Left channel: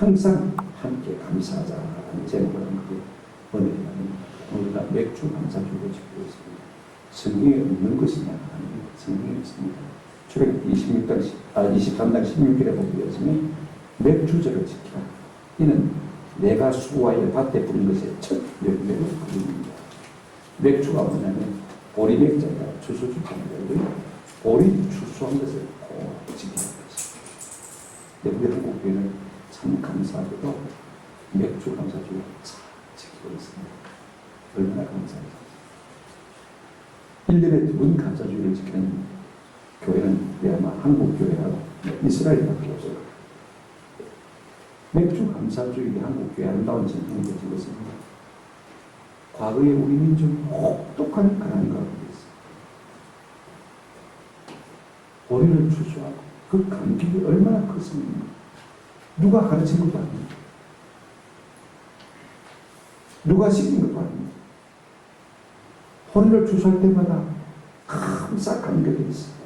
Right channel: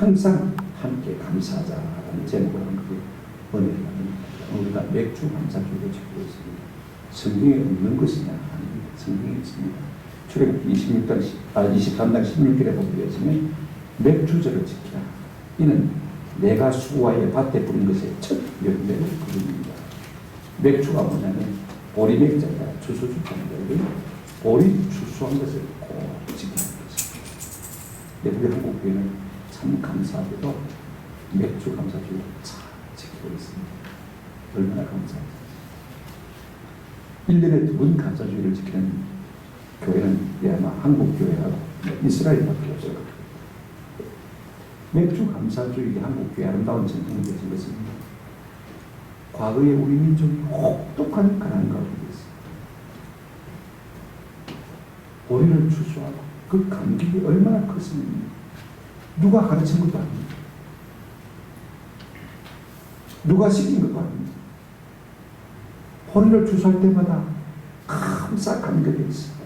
항상 함께 감사하자라는 제목을 한 것이 은혜를 받는 우리가 맥주 감사주의를 지키고 있습니다. 성경에 없는 것이냐? 아닙니다. 성경에 있습니다. 출애굽기 23장 16절에 보게 되었으면 맥주절을 지키라. 이는 내가 수고하여 밭에 뿌린 것의 첫 열매를 거둡니다. 맥주가 뭐냐면 보리 맥자가 추수주자인데 보리 추수한 것을 꼭 지키는 것입니다. 근데 우리 한국 교회는 참 감사하게도 맥주 감사주의를 잘 지키고 있습니다. 얼마나 감사합니다. 1년에 2번 감사주의를 지키는 교회는 아마 한국 교회하고 이스라엘밖에 없을 겁니다. 맥주 감사주의 한국 교회 아름다운 전통이 되신 것입니다. 과거에 우리 민족이 혹독한 가난 가운데 있습니다. 보리를 추수하고 그 감격이 얼마나 컸습니까? 누가 가르친 것도 아닙니다. 누가 시킨 것도 아닙니다. 보리를 추수할 때마다 감사 감격이 있습니다.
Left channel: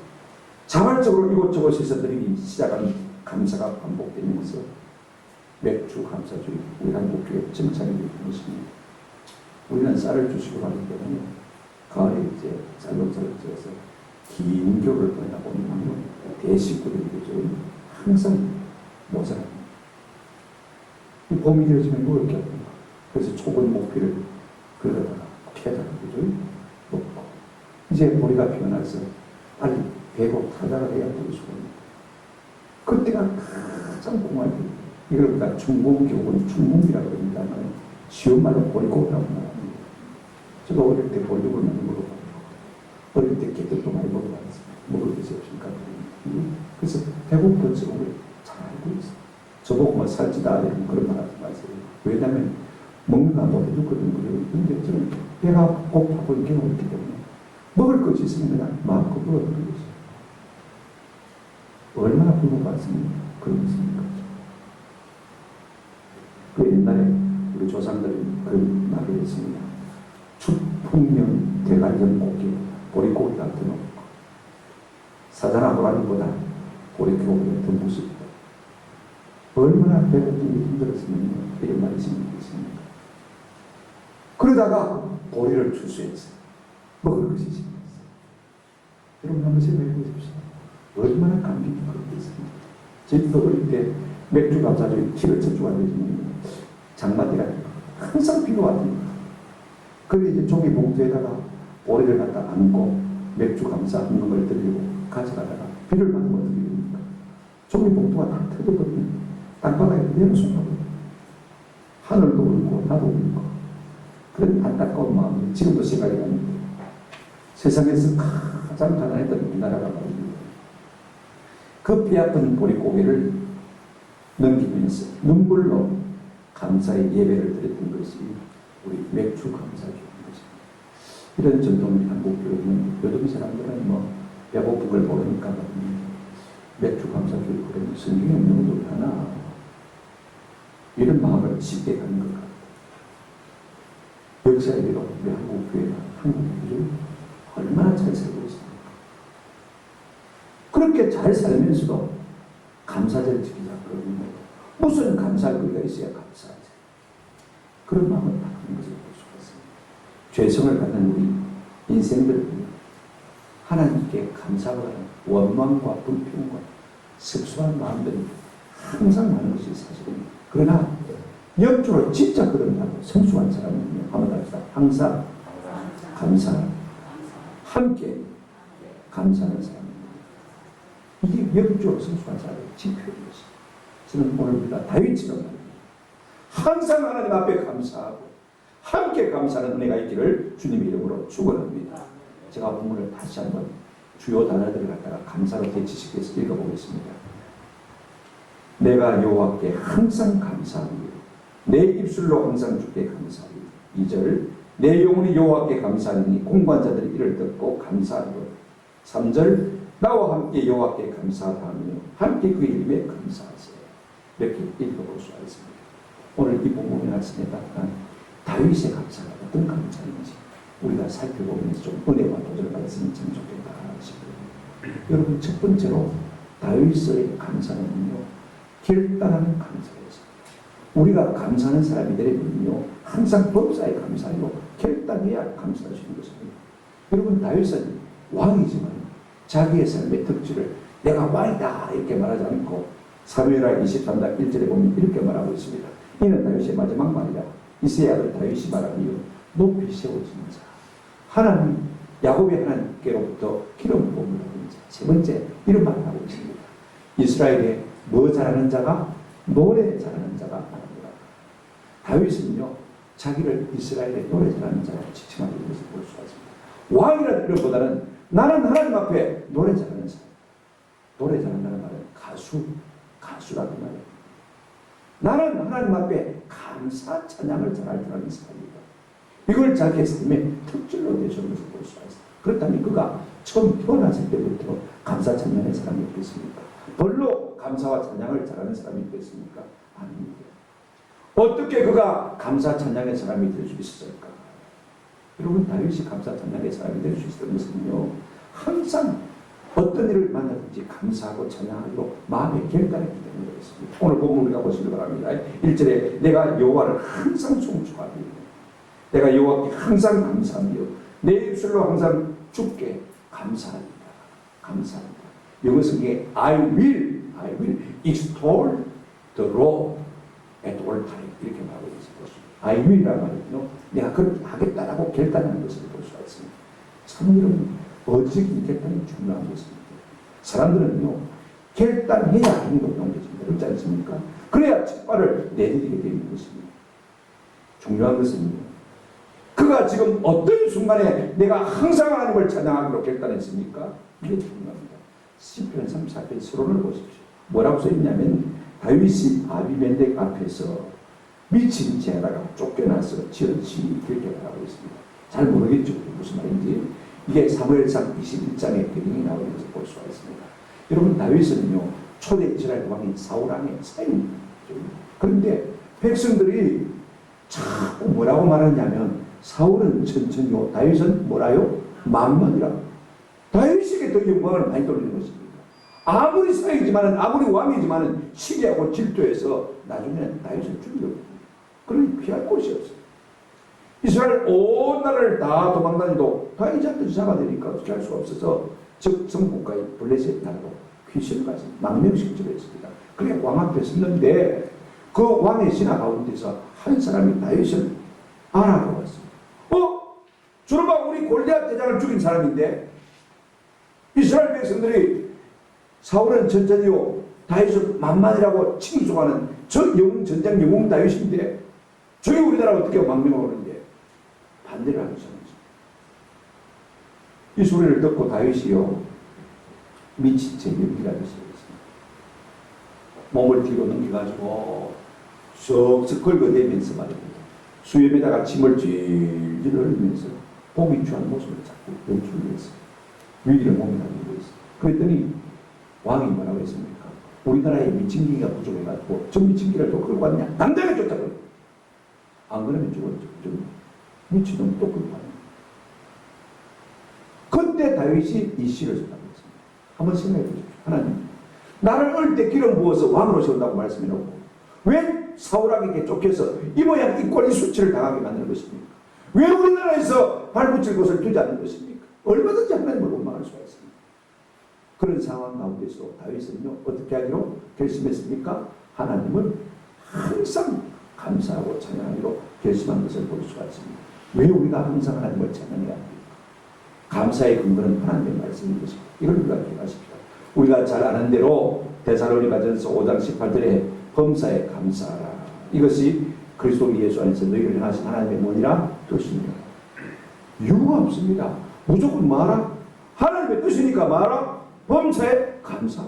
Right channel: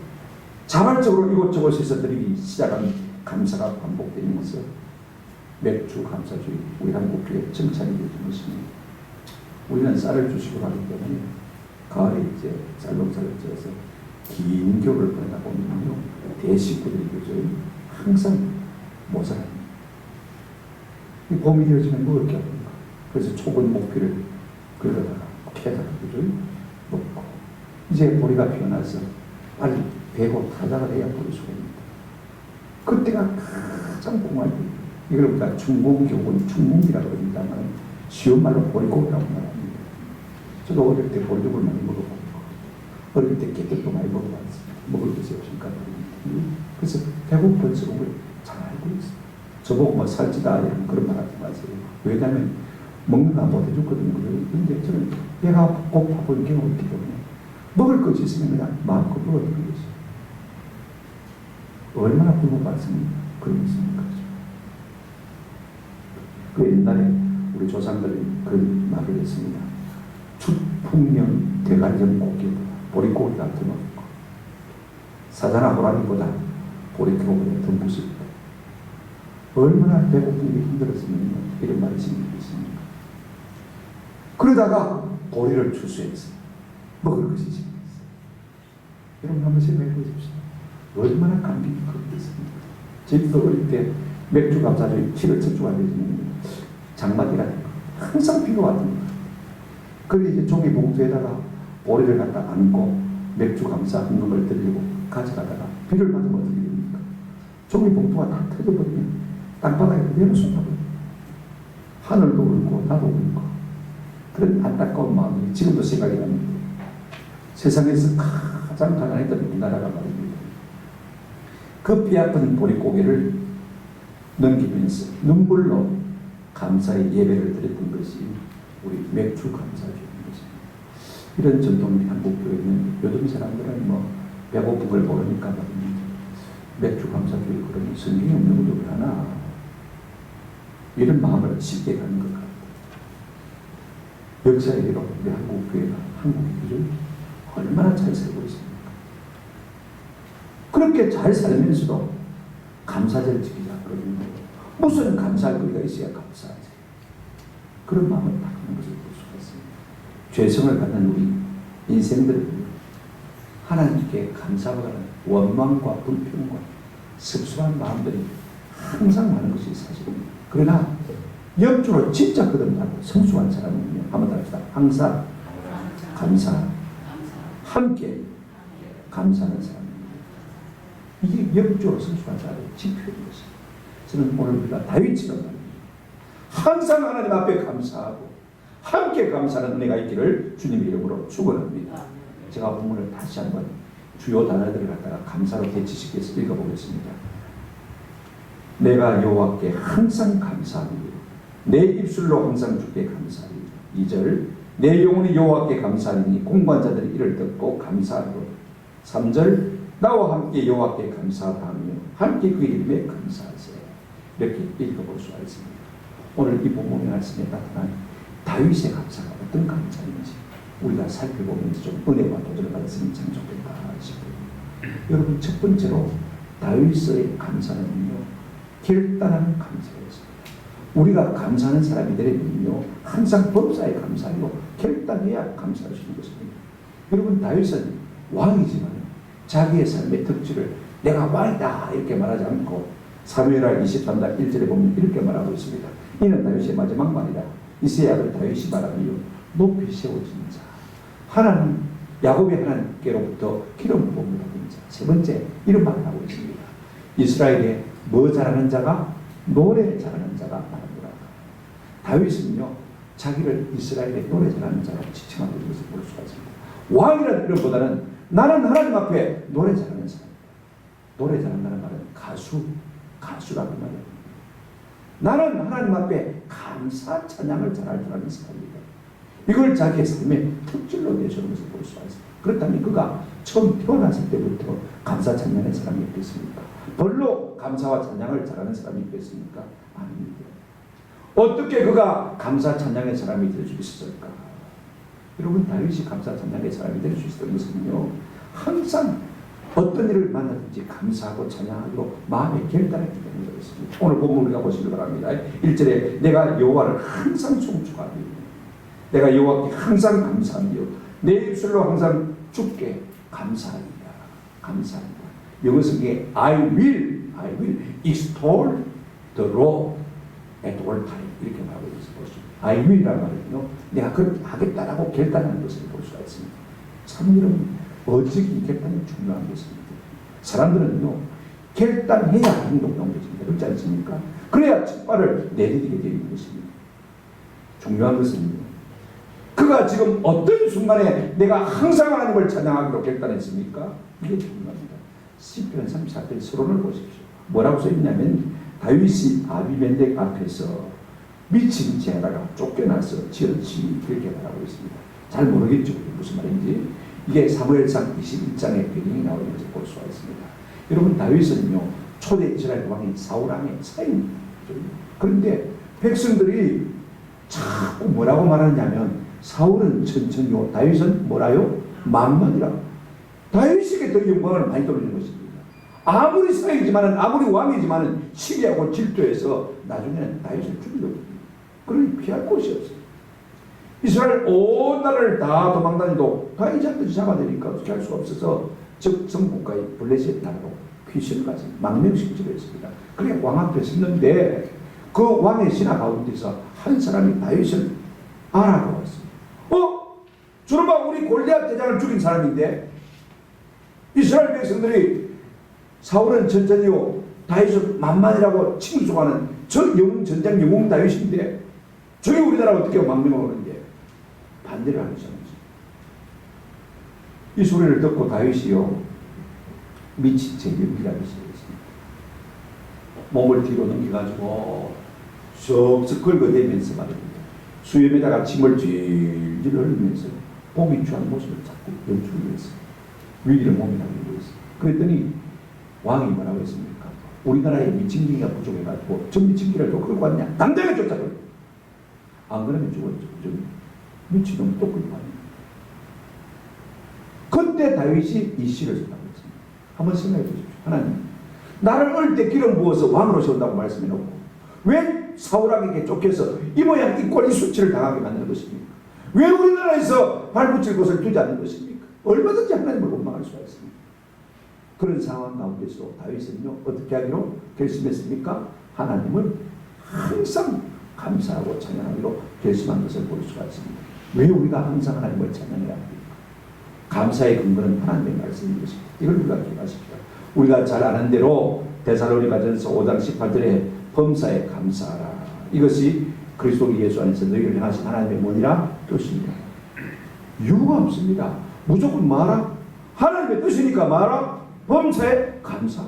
자발적으로 이곳저곳에서 드리기 시작한 감사가 반복되면서 맥주 감사주의 우리 한국교회 정착이 되는 것입니다. 우리는 쌀을 주식으로 하기 때문에 가을에 이제 쌀농사를 지어서 긴 겨울을 보내다 보면 대식구들이 항상 모자랍니다. 이 봄이 되어지면 먹을 게 없는가. 그래서 촉은 목피를 그러다가 캐다가 그죠? 먹고 이제 보리가 피어나서 빨리 배고 타자가 돼야 보릴 수가 있습니다. 그때가 가장 공활 때입니다. 이걸 우리가 충공교훈, 충공기라고 합니다만 쉬운 말로 보리고기라고 말합니다. 저도 어릴 때 보리고기를 많이 먹어봤고 어릴 때 개떡도 많이 먹어봤습니다. 먹을 것이 없으니까. 그래서 배고픈 적을 잘 알고 있어요. 저보고 뭐 살찌다 이런 그런 말 하지 마세요. 왜냐하면 먹는 거 못 해줬거든요. 그런데 저는 배가 고파 보이는 경험이 있기 때문에 먹을 것이 있으면 그냥 마음껏 먹어주는 것이죠. 얼마나 굶어봤습니까? 그런 것입니까? 그 옛날에 우리 조상들이 그런 말을 했습니다. 축풍령 대관령 고기보다 보릿고기가 더 높고 사자나 호랑이보다 보릿고기가 더 무섭다. 얼마나 배고픈 게 힘들었으면 이런 말이 생기겠습니까? 그러다가 보리를 추수했어요. 먹을 것이 생겼어요. 여러분 한번 생각해 보십시오. 얼마나 감격이 크겠습니까? 저희도 어릴 때 맥주 감사주의 키를 척추가 되시는 장마띠가 항상 비가 왔던 거예요. 그래서 이제 종이 봉투에다가 보리를 갖다 안고 맥주 감사 한는 걸 들고 가져가다가 비를 맞으면 어떻게 됩니까? 종이 봉투가 다 터져버리면 땅바닥에 내려놓습니다. 하늘도 울고 나도 울고 그런 안타까운 마음이 지금도 생각이 납니다. 세상에서 가장 가난했던 우리나라가 말입니다. 그 뼈아픈 보릿고개를 넘기면서 눈물로 감사의 예배를 드렸던 것이 우리 맥주 감사주의인 것입니다. 이런 전통이 한국교회는 요즘 사람들은 뭐 배고픈 걸 모르니까 말입니다. 맥주 감사주의 그런 성경에 없는 것도 하나 이런 마음을 쉽게 가는 것 같아요. 역사에 대로 우리 한국교회가 한국인들이 얼마나 잘 살고 있습니까? 그렇게 잘 살면서도 감사절을 지키자 그러는 거예요. 무슨 감사할 거리가 있어야 감사하지. 그런 마음을 딱 하는 것을 볼 수가 있습니다. 죄성을 갖는 우리 인생들은 하나님께 감사하는 원망과 불평과 섭섭한 마음들이 항상 많은 것이 사실입니다. 그러나 역주로 진짜 거듭나고 성숙한 사람은요. 한번 더 합시다. 항상 감사, 함께 감사하는 사람입니다. 이게 역주로 성숙한 사람의 지표인 것입니다. 저는 오늘 우리가 다윗처럼 말입니다. 항상 하나님 앞에 감사하고 함께 감사하는 은혜가 있기를 주님의 이름으로 축원합니다. 제가 본문을 다시 한번 주요 단어들을 갖다가 감사로 대치시켜서 읽어보겠습니다. 내가 여호와께 항상 감사하노니 내 입술로 항상 주께 감사하리. 2절 내 영혼이 여호와께 감사하니 공관자들이 이를 듣고 감사하고 3절 나와 함께 여호와께 감사하며 함께 그의 이름에 감사하세요. 이렇게 읽어볼 수가 있습니다. 오늘 이 본문의 말씀에 나타난 다윗의 감사가 어떤 감사인지 우리가 살펴보면서 좀 은혜와 도전을 받았으면 참 좋겠다 싶어요. 여러분 첫 번째로 다윗의 감사는요 결단하는 감사였습니다. 우리가 감사하는 사람이 되려면요, 항상 범사에 감사하고 결단해야 감사할 수 있는 것입니다. 여러분, 다윗은 왕이지만 자기의 삶의 특질을 내가 왕이다 이렇게 말하지 않고 사무엘하 23장 1절에 보면 이렇게 말하고 있습니다. 이는 다윗의 마지막 말이라. 이새의 아들 다윗이 말하기요, 높이 세워진 자, 하나님 야곱의 하나님께로부터 기름 부음을 받은 자. 세 번째, 이런 말을 하고 있습니다. 이스라엘에 뭐 잘하는 자가? 노래 잘하는 자가 말합니다. 다윗은요, 자기를 이스라엘의 노래 잘하는 자라고 지칭하고 있는 것을 볼 수가 있습니다. 왕이라는 이름보다는 나는 하나님 앞에 노래 잘하는 사람. 노래 잘한다는 말은 가수라고 말해요. 나는 하나님 앞에 감사 찬양을 잘할 줄 아는 사람입니다. 이걸 자기의 삶의 특질로 내세우는 것을 볼 수가 있습니다. 그렇다면 그가 처음 태어났을 때부터 감사 찬양의 사람이 있겠습니까? 별로 감사와 찬양을 잘하는 사람이 있겠습니까? 아닙니다. 어떻게 그가 감사 찬양의 사람이 될 수 있었을까? 여러분, 다윗이 감사 찬양의 사람이 될 수 있었던 것은요, 항상 어떤 일을 만나든지 감사하고 찬양하기로 마음에 결단했기 때문에 그렇습니다. 오늘 본문 우리가 보시기 바랍니다. 1절에 내가 여호와를 항상 송축하며 내가 여호와께 항상 감사하며 내 입술로 항상 주께 감사합니다. 감사합니다. 영어 성경에 I will extol the Lord at all time 이렇게 말하고 있습니다. I will이라는 말은요, 내가 그렇게 하겠다라고 결단하는 것을 볼 수가 있습니다. 참 여러분, 어직이 결단이 중요한 것입니다. 사람들은요, 결단해야 행동이 옮겨집니다. 그렇지 않습니까? 그래야 첫발을 내디디게 되는 것입니다. 중요한 것은요, 그가 지금 어떤 순간에 내가 항상 하나님을 찬양하기로 결단했습니까? 이게 중요합니다. 시편 34편 서론을 보십시오. 뭐라고 써있냐면 다윗이 아비멜렉 앞에서 미친 죄하다가 쫓겨나서 지었지 그렇게 말하고 있습니다. 잘 모르겠죠. 무슨 말인지. 이게 사무엘상 21장의 배경이 나오는 것을 볼 수가 있습니다. 여러분, 다윗은요, 초대 이스라엘 왕인 사울 왕의 사인입니다. 그런데 백성들이 자꾸 뭐라고 말하냐면 사울은 천천히요, 다윗은 뭐라요? 만만이라. 다윗에게 더 영광을 많이 돌리는 것입니다. 아무리 사이지만은, 아무리 왕이지만은 시기하고 질투해서 나중에는 다윗을 죽이려고. 그러니 피할 곳이 없어요. 이스라엘 온 나라를 다 도망다니도 다윗한테 잡아내니까 어떻게 할 수가 없어서 적성국가의 블레셋 나라로 귀신을 가서 망명시키기로 했습니다. 그래 왕 앞에 섰는데 그 왕의 신하 가운데서 한 사람이 다윗을 알아보았습니다. 저놈아, 우리 골리앗 대장을 죽인 사람인데 이스라엘 백성들이 사울은 천천히요, 다윗은 만만이라고 칭송하는 저 전쟁 영웅 다윗인데 저기 우리나라 어떻게 망명을 오는데 반대를 하고 있었습니다. 이 소리를 듣고 다윗이요, 미친 채 연기하기 시작했습니다. 몸을 뒤로 넘겨가지고 쓱쓱 긁어대면서 말입니다. 수염에다가 침을 질질 흘리면서 보기 취한 모습을 자꾸 연출을 했어요. 위기를 몸에 담기고 있어요. 그랬더니 왕이 뭐라고 했습니까? 우리나라에 미친기가 부족해가지고 저 미친기를 또 끌고 왔냐? 당장에 쫓아버려. 안 그러면 죽었죠. 미친놈 또 끌고 왔냐? 그때 다윗이 이 시를 썼다고 했습니다. 한번 생각해 보십시오. 하나님, 나를 어릴 때 기름 부어서 왕으로 세운다고 말씀해놓고 왜 사울왕에게 쫓겨서 이 모양 이 꼴 이 수치를 당하게 만드는 것입니까? 왜 우리나라에서 발붙일 곳을 두지 않는 것입니까? 얼마든지 하나님을 원망할 수가 있습니다. 그런 상황 가운데서 다윗은요, 어떻게 하기로 결심했습니까? 하나님을 항상 감사하고 찬양하기로 결심한 것을 볼 수가 있습니다. 왜 우리가 항상 하나님을 찬양해야 합니까? 감사의 근거는 하나님의 말씀인 것입니다. 이걸 우리가 기억하십시오. 우리가 잘 아는 대로 데살로니가전서 5장 18절에 범사에 감사하라. 이것이 그리스도 예수 안에서 너희를 향하신 하나님의 뭐니라? 뜻이니라. 이유가 없습니다. 무조건 말아. 하나님의 뜻이니까 말아. 범사에 감사.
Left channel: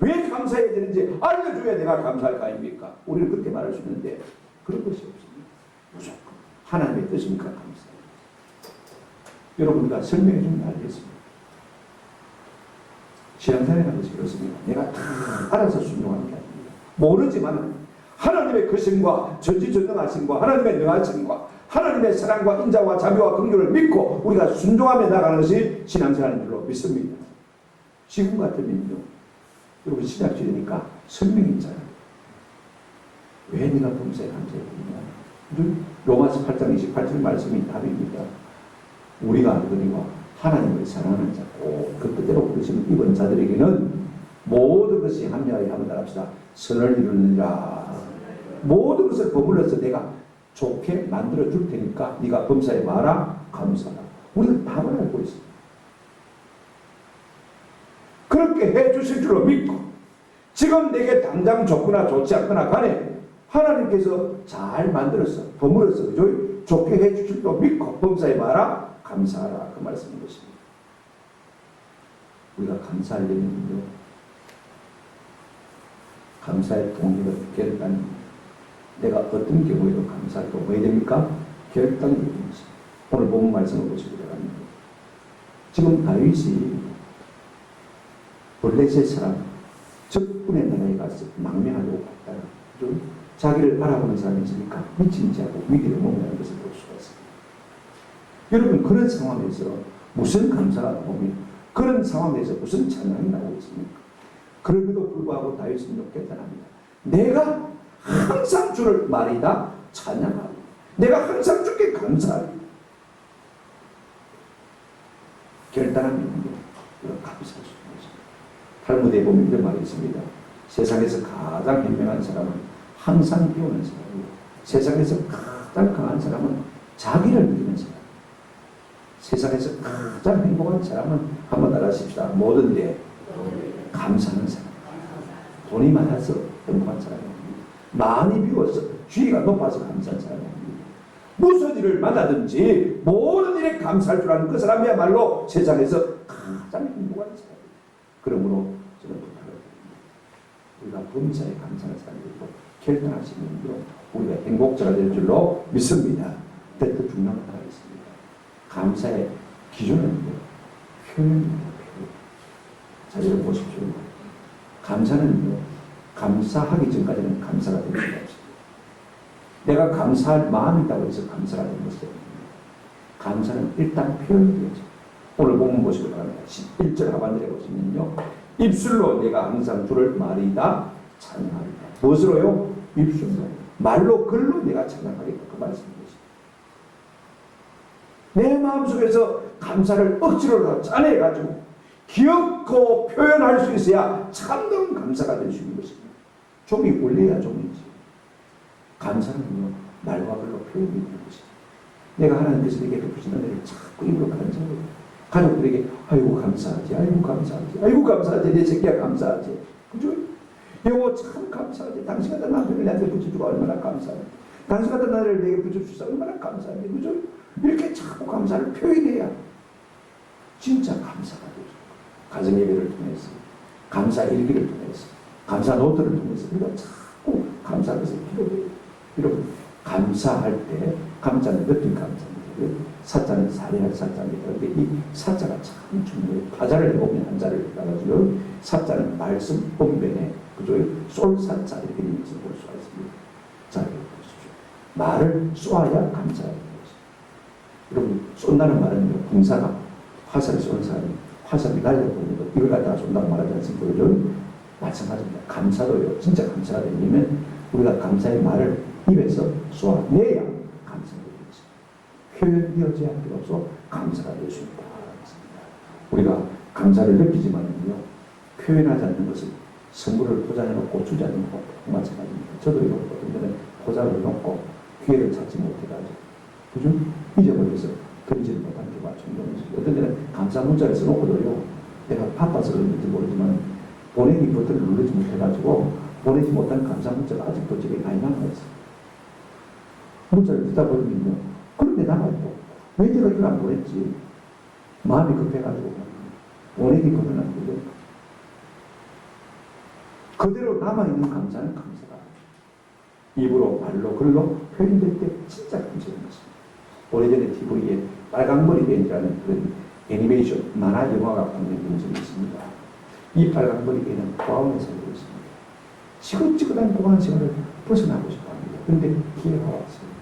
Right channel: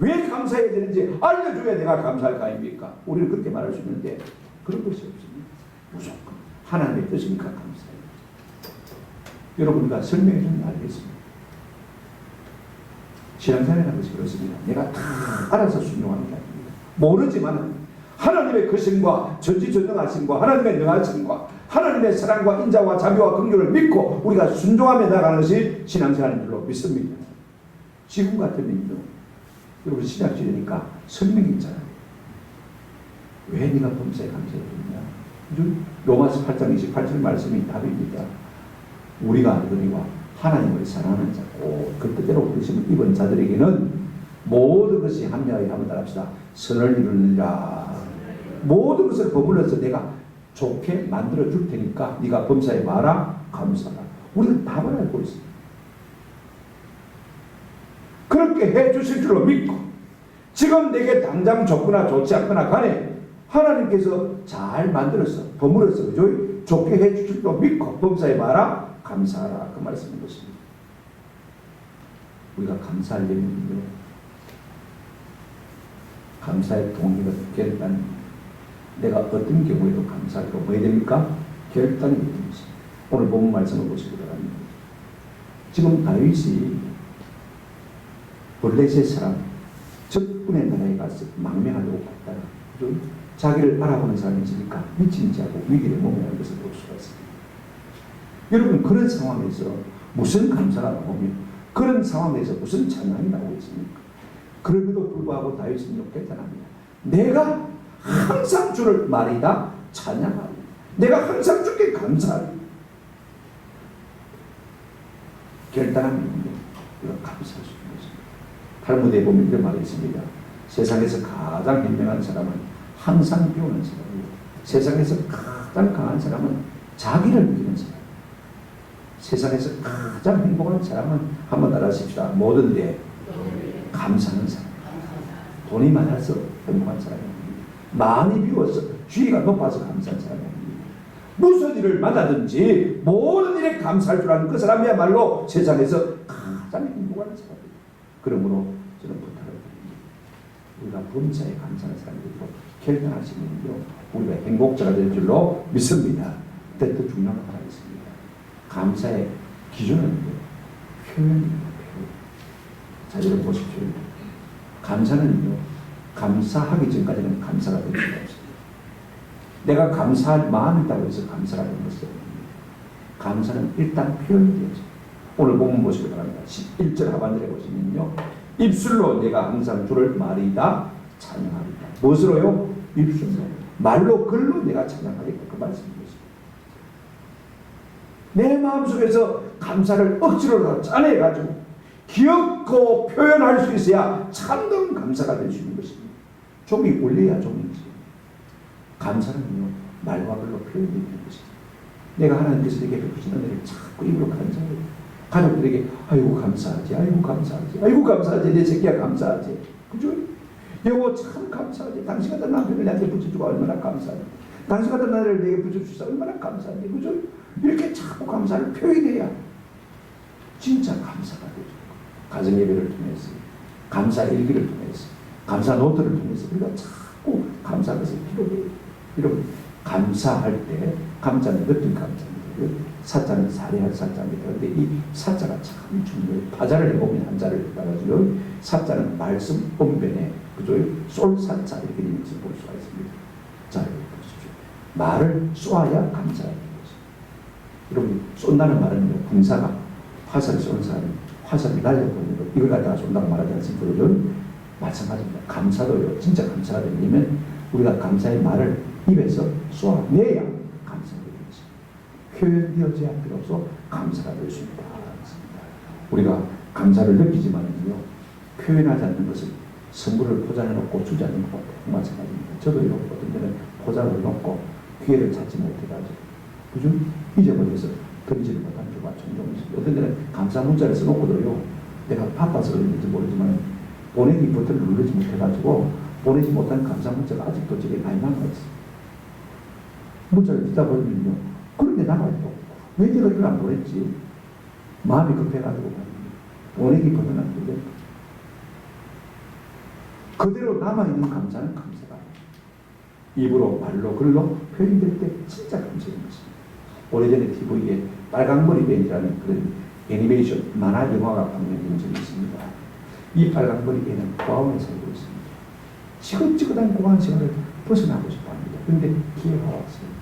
왜 감사해야 되는지 알려줘야 내가 감사할 거 아닙니까? 우리는 그렇게 말할 수 있는데 그런 것이 없습니다. 무조건 하나님의 뜻이니까 감사해요. 여러분, 우리가 설명해 주면 알겠습니다. 신앙생활이라는 것이 그렇습니다. 내가 다 알아서 순종하는 게 아닙니다. 모르지만 하나님의 거심과 전지전능하심과 하나님의 능하심과 하나님의 사랑과 인자와 자비와 긍휼을 믿고 우리가 순종하며 나가는 것이 신앙생활인 줄로 믿습니다. 지금 같으면요, 여러분 신약시대니까 설명이 있잖아요. 왜 네가 범사에 감사해야 되느냐? 로마서 8장 28절 말씀이 답입니다. 우리가 알거니와 하나님을 사랑하는 자, 꼭 그 뜻대로 부르심을 입은 자들에게는 모든 것이 합리하여 하면 따릅시다. 선을 이루느니라. 모든 것을 버물러서 내가 좋게 만들어 줄 테니까 네가 범사에 마라 감사하라. 우리는 답을 알고 있습니다. 그렇게 해 주실 줄로 믿고 지금 내게 당장 좋거나 좋지 않거나 간에 하나님께서 잘 만들어서 버물어서 그죠? 좋게 해 주실 줄로 믿고 범사에 마라 감사하라. 그 말씀인 것입니다. 우리가 감사하려면요, 감사의 동기가 결단입니다. 내가 어떤 경우에도 감사하고 뭐 해야 됩니까? 결단이 되는 것입니다. 오늘 본문 말씀을 보시기 바랍니다. 지금 다윗이 블레셋 사람 적군의 나라에 가서 망명하려고 갔다가 자기를 알아보는 사람이 있으니까 미친 자고 위기를 모면하는 것을 볼 수가 있습니다. 여러분, 그런 상황에서 무슨 감사가 나오며 그런 상황에서 무슨 찬양이 나오고 있습니까? 그럼에도 불구하고 다윗은 욕결단합니다. 내가 항상 주를 말이다 찬양하고 내가 항상 주께 감사하고 결단하면 이런 감사할 수 있는 것입니다. 탈무드에 보면 이런 말이 있습니다. 세상에서 가장 현명한 사람은 항상 비우는 사람이고 세상에서 가장 강한 사람은 자기를 이기는 사람. 세상에서 가장 행복한 사람은 한번 알아십시다. 모든 데 감사하는 사람. 돈이 많아서 행복한 사람이 아닙니다. 많이 비워서 주의가 높아서 감사한 사람이 아닙니다. 무슨 일을 만나든지 모든 일에 감사할 줄 아는 그 사람이야말로 세상에서 가장 행복한 사람입니다. 그러므로 저는 부탁을 드립니다. 우리가 범사에 감사하는 사람들로 결단하시면요, 우리가 행복자가 될 줄로 믿습니다. 또 중요한 하나 있습니다. 감사의 기준은 표현입니다. 표현. 자, 여러분 보십시오. 감사는요, 감사하기 전까지는 감사가 될 수가 없습니다. 내가 감사할 마음이 있다고 해서 감사가 되는 것이 아닙니다. 감사는 일단 표현이 되죠. 오늘 본문 보시기 바랍니다. 11절 하반절에 보시면요, 입술로 내가 항상 주를 말이다 찬양하리다. 무엇으로요? 입술로. 말로 글로 내가 찬양하리다. 그 말씀입니다. 내 마음속에서 감사를 억지로 짜내가지고 기억고 표현할 수 있어야 참다운 감사가 될 수 있는 것입니다. 종이 올려야 종이지. 감사는요, 말과 글로 표현이 되는 것입니다. 내가 하나님께서 내게 베푸신 은혜를 자꾸 입으로 간증해요. 가족들에게 아이고 감사하지, 아이고 감사하지, 아이고 감사하지, 내 새끼야 감사하지. 그죠? 여보 참 감사하지. 당신 같은 남편을 내한테 붙여주고 얼마나 감사하지. 당신 같은 나라를 내게 붙여주셔서 얼마나 감사하지. 그죠? 이렇게 자꾸 감사를 표현해야 진짜 감사가 되죠. 가정예배를 통해서, 감사 일기를 통해서, 감사 노트를 통해서 우리가 자꾸 감사한 것을 기록해요. 여러분, 감사할 때 감자는 느낀 감자입니다. 사자는 사례할 사자입니다. 그런데 이 사자가 참 중요해요. 파자를 해보면 한자를 해가지고 사자는 말씀 본변에 그죠? 쏠사자 이렇게 되는 것을 볼 수가 있습니다. 자, 여러분 보십시오. 말을 쏘아야 감사해요. 여러분, 쏜다는 말은요, 군사가 화살을 쏘는 사람이 화살을 날려보는 것, 이걸 갖다가 쏜다고 말하지 않습니까? 그죠? 마찬가지입니다. 감사도요, 진짜 감사가 되려면 우리가 감사의 말을 입에서 쏘아내야 감사가 되는 것입니다. 표현되어져야 할 필요 없어 감사가 될 수 있다. 우리가 감사를 느끼지만요, 표현하지 않는 것은 선물을 포장해놓고 주지 않는 것과 마찬가지입니다. 저도 이렇게 어떤 때는 포장을 놓고 기회를 찾지 못해가지고 그죠? 잊어버려서 던지를 못한 경우가 종종 있습니다. 어떤 때는 감사 문자를 써놓고도요, 내가 바빠서 그런지 모르지만 보내기 버튼을 누르지 못해가지고 보내지 못한 감사 문자가 아직도 집에 많이 남아있어요. 문자를 듣다 보면요, 그런데 남아있고 왜 내가 이걸 안 보냈지? 마음이 급해가지고 보내기 버튼 안 누르고 그대로 남아있는 감사는 감사가 입으로 말로 글로 표현될 때 진짜 감사인 것입니다. 오래전에 TV에 빨강머리 밴이라는 그런 애니메이션 만화 영화가 방영된 적이 있습니다. 이 빨강머리 밴은 고아원에 살고 있습니다. 지긋지긋한 고아원 생활을 벗어나고 싶어합니다. 그런데 기회가 왔어요.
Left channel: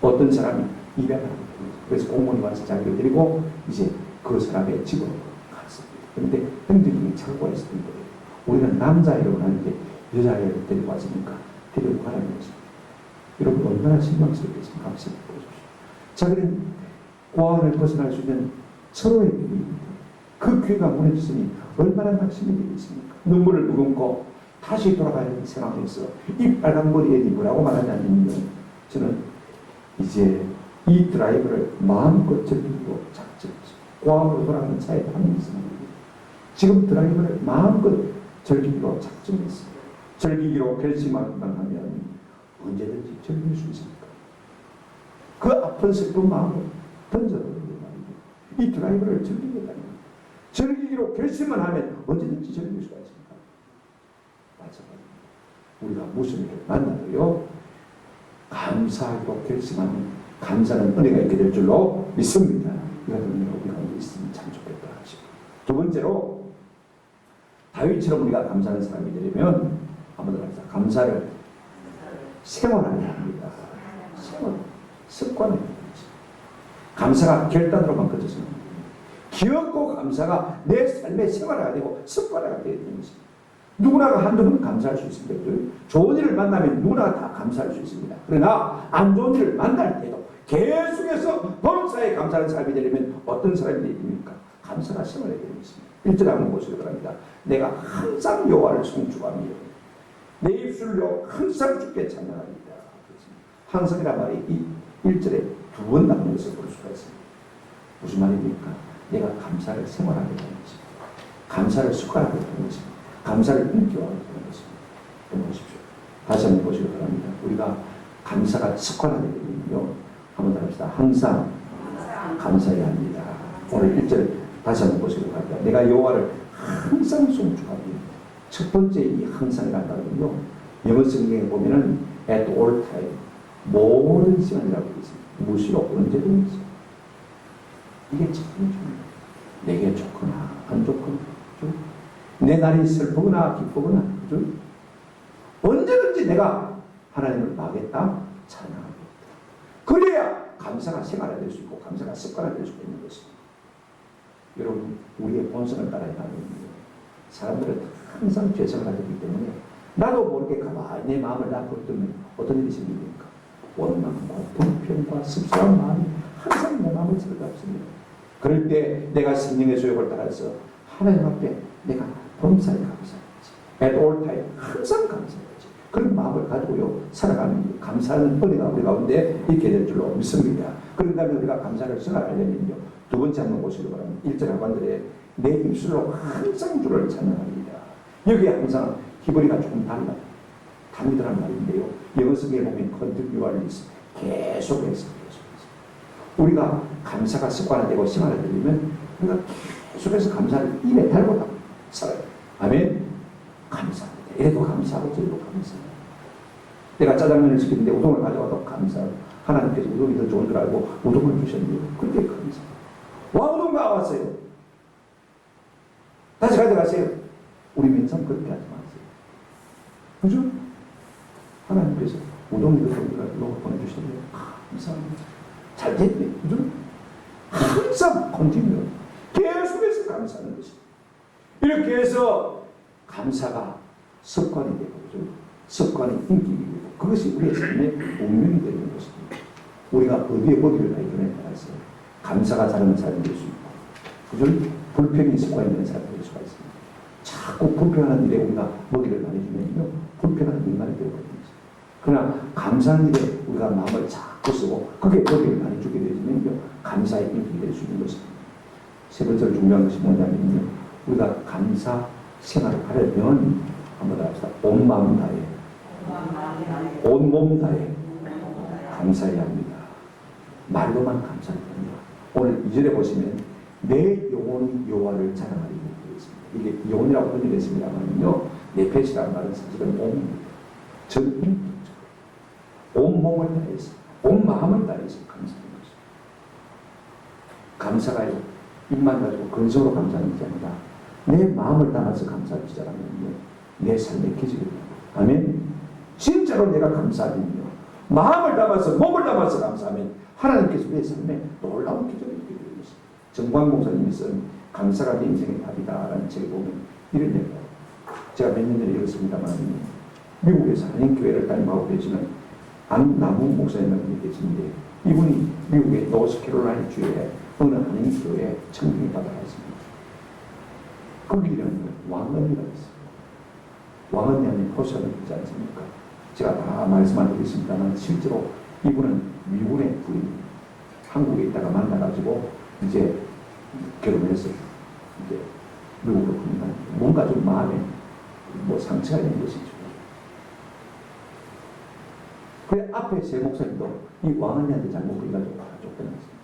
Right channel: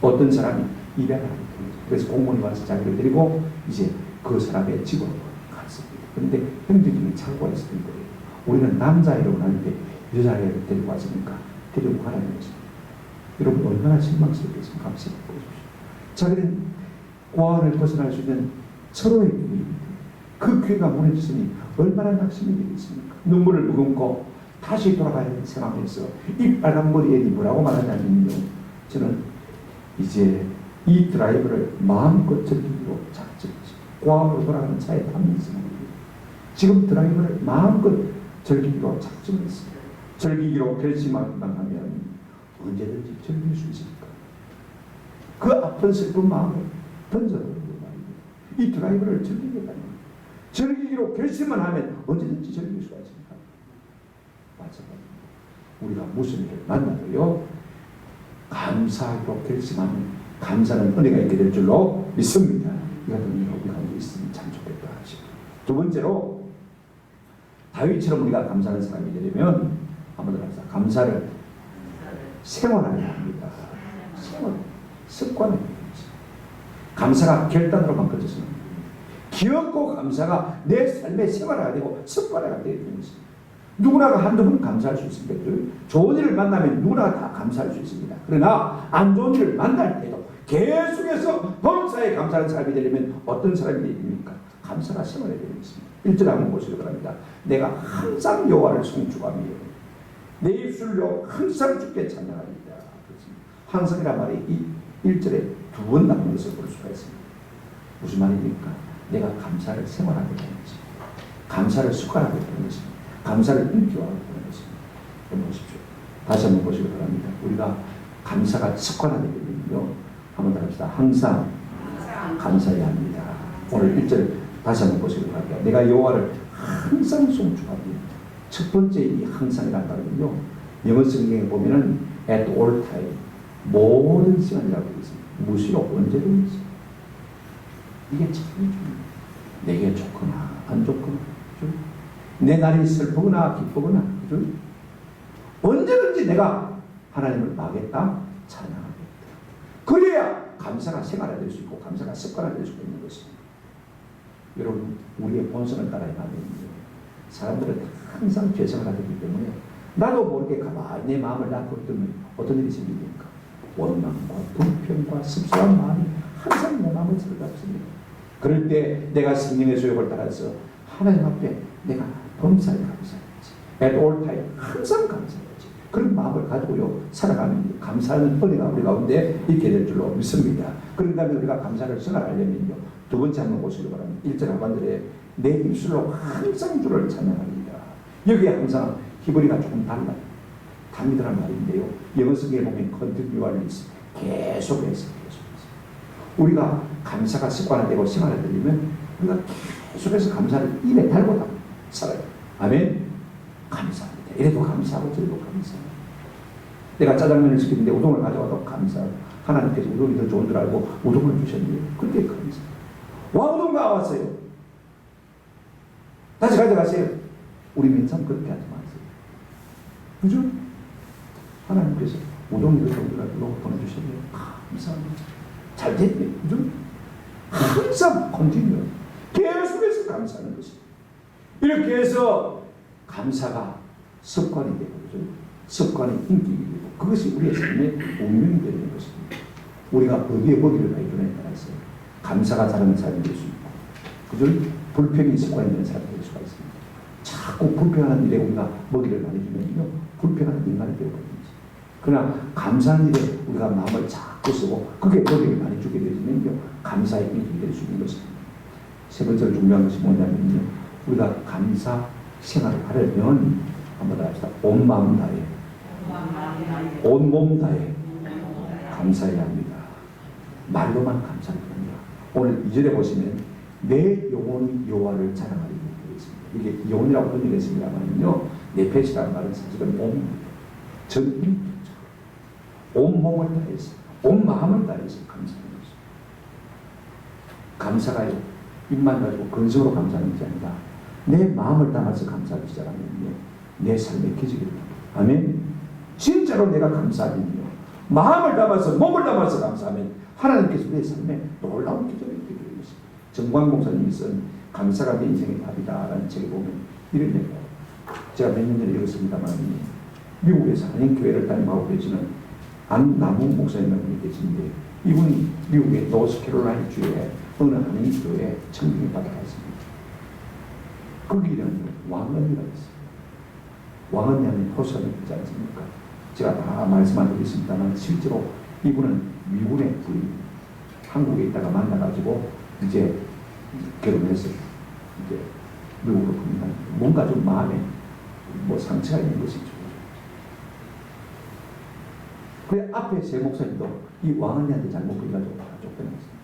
어떤 사람이 입양을 하게 됩니다. 그래서 공무원이 와서 자기를 데리고 이제 그 사람의 집으로 갔습니다. 그런데 형제님이 찾고 있었던 거예요. 우리는 남자애라고 하는데 여자애를 데리고 왔으니까 데리고 가라는 것입니다. 여러분 얼마나 실망스럽겠습니까? 한번 생각해 보십시오. 자기는 고아원을 벗어날 수 있는 철호의 길입니다. 그 귀가 무너졌으니 얼마나 낙심이 되겠습니까? 눈물을 머금고 다시 돌아가야 하는 상황에서 이 빨간 머리 애니 뭐라고 말하냐면요, 저는 이제 이 드라이브를 마음껏 즐기기로 작정했습니다. 고아원으로 돌아가는 차에 타면서 지금 드라이브를 마음껏 즐기기로 작정했습니다. 즐기기로 결심만 하면 언제든지 즐길 수 있습니까? 그 아픈 슬픈 마음을 던져버리는 말입니다. 이 드라이브를 즐기겠다는 겁니다. 즐기기로 결심만 하면 언제든지 즐길 수가 있습니다. 마찬가지입니다. 우리가 무슨 일을 만나도요, 감사하기로 결심하면 감사는 은혜가 있게 될 줄로 믿습니다. 이 같은 은혜가 우리 가운데 있으면 참 좋겠다 싶습니다. 두 번째로, 다윗처럼 우리가 감사하는 사람이 되려면 한번 더 합시다. 감사를 생활하여야 합니다. 생활, 습관을 해야 됩니다. 감사가 결단으로만 그쳐서는 안 됩니다. 기억고 감사가 내 삶의 생활화가 되고 습관화가 되어야 되는 것입니다. 누구나가 한두 번 감사할 수 있습니다. 좋은 일을 만나면 누구나 다 감사할 수 있습니다. 그러나 안 좋은 일을 만날 때도 계속해서 범사에 감사하는 사람이 되려면 어떤 사람이 되야 됩니까? 감사가 생활해야 되는 것입니다. 1절 한번 보시기 바랍니다. 내가 항상 여호와를 송축하며 내 입술로 항상 주께 찬양하리이다. 항상이란 말이 이 1절에 두 번 나오는 것을 볼 수가 있습니다. 무슨 말입니까? 내가 감사를 생활하게 되는 것입니다. 감사를 습관하게 되는 것입니다. 감사를 인격화하게 되는 것입니다. 한번 보십시오. 다시 한번 보시기 바랍니다. 우리가 감사가 습관화되게 되면요, 한번 더 합시다. 항상 감사해야 합니다. 오늘 1절 다시 한번 보시기 바랍니다. 내가 여호와를 항상 송축하며. 첫 번째 이 항상이라는 말은요, 영어 성경에 보면은 at all time, 모든 시간이라고 되어 있습니다. 무시로 언제든지. 이게 참 중요해요. 내게 좋거나 안 좋거나, 그죠? 내 날이 슬프거나 기쁘거나, 그죠? 언제든지 내가 하나님을 막겠다, 찬양하겠다. 그래야 감사가 생활화될 수 있고 감사가 습관화될 수가 있는 것입니다. 여러분, 우리의 본성을 따라 가면 사람들은 항상 죄성을 가지고 있기 때문에 나도 모르게 가만히 내 마음을 놔두면 어떤 일이 생깁니까? 원망과 불평과 습성한 마음이 항상 내 마음을 들어갑습니다. 그럴 때 내가 성령의 소욕을 따라서 하나님 앞에 내가 범사에 감사해야지. at all time, 항상 감사해야지. 그런 마음을 가지고요, 살아가는 감사하는 은혜가 우리 가운데 있게 될 줄로 믿습니다. 그런다면 우리가 감사를 생활하려면요, 두 번째 한번 보시기 바랍니다. 1절 하반절에 내 입술로 항상 주를 찬양하리이다. 여기에 항상 히브리가 조금 달라요. 다미드란 말인데요, 영어 성경에 보면 continually, 계속해서 우리가 감사가 습관화되고 생활화되려면 우리가 계속해서 감사를 입에 달고 살아요. 아멘. 감사합니다. 이래도 감사하고 저래도 감사합니다. 내가 짜장면을 시키는데 우동을 가져와도 감사하고, 하나님께서 우동이 더 좋은 줄 알고 우동을 주셨네요. 그때 감사해요. 와, 우동가 왔어요. 다시 가져가세요. 우리 민상 그렇게 하지 마세요. 그죠? 하나님께서 우동이 더 좋은 줄 알고 보내주셨네요. 감사합니다. 잘 됐네. 그죠? 항상 컨티뉴, 계속해서 감사하는 것입니다. 이렇게 해서 감사가 습관이 되고, 그죠? 습관이 인격이 되고, 그것이 우리의 삶의 운명이 되는 것입니다. 우리가 어디에 먹이를 많이 주냐에 따라서 감사가 자라는 사람이 될 수 있고, 그죠? 불평이 습관이 되는 사람이 될 수가 있습니다. 자꾸 불평하는 일에 우리가 먹이를 많이 주면요, 불평하는 인간이 되어버립니다. 그러나 감사하는 일에 우리가 마음을 자꾸 쓰고 그게 먹이를 많이 주게 되면요, 감사의 인격이 될 수 있는 것입니다. 세 번째로 중요한 것이 뭐냐면요, 우리가 감사 생활을 하려면 한번 더 합시다. 온 마음 다해, 온 몸 다해 감사해야 합니다. 말로만 감사를 합니다. 오늘 2절에 보시면 내 영혼이 여호와를 자랑하리니 있습니다. 이게 영혼이라고 번역했습니다만요, 네페시라는 말은 사실은 몸입니다. 전 온 몸을 다해서, 온 마음을 다해서 감사하는 것입니다. 감사가요, 입만 가지고 근성으로 감사하는 것이 아니라 내 마음을 담아서 감사하기 시작하면요, 내 삶의 기적이 됩니다. 아멘. 진짜로 내가 감사하면요, 마음을 담아서, 몸을 담아서 감사하면 하나님께서 내 삶에 놀라운 기적이 있게 되는 것입니다. 정광 목사님이 쓴 감사가 내 인생의 답이다라는 책에 보면 이런 얘기가, 제가 몇 년 전에 읽었습니다만, 미국에서 한인교회를 담임하고 계시는 안남욱 목사님이 계신데 이분이 미국의 노스캐롤라이나 주에 어느 한인교회에 청빙을 받아갔습니다. 거기는 왕언니가 있어요. 왕언니 하면 포션을 있지 않습니까? 제가 다 말씀 안 드리겠습니다만 실제로 이분은 미군의 부인, 한국에 있다가 만나가지고 이제 결혼해서 이제 미국으로 갑니다. 뭔가 좀 마음에 뭐 상처가 있는 것이죠. 그 앞에 세 목사님도 이 왕언니한테 잘못 걸려가지고 다 쫓겨났습니다.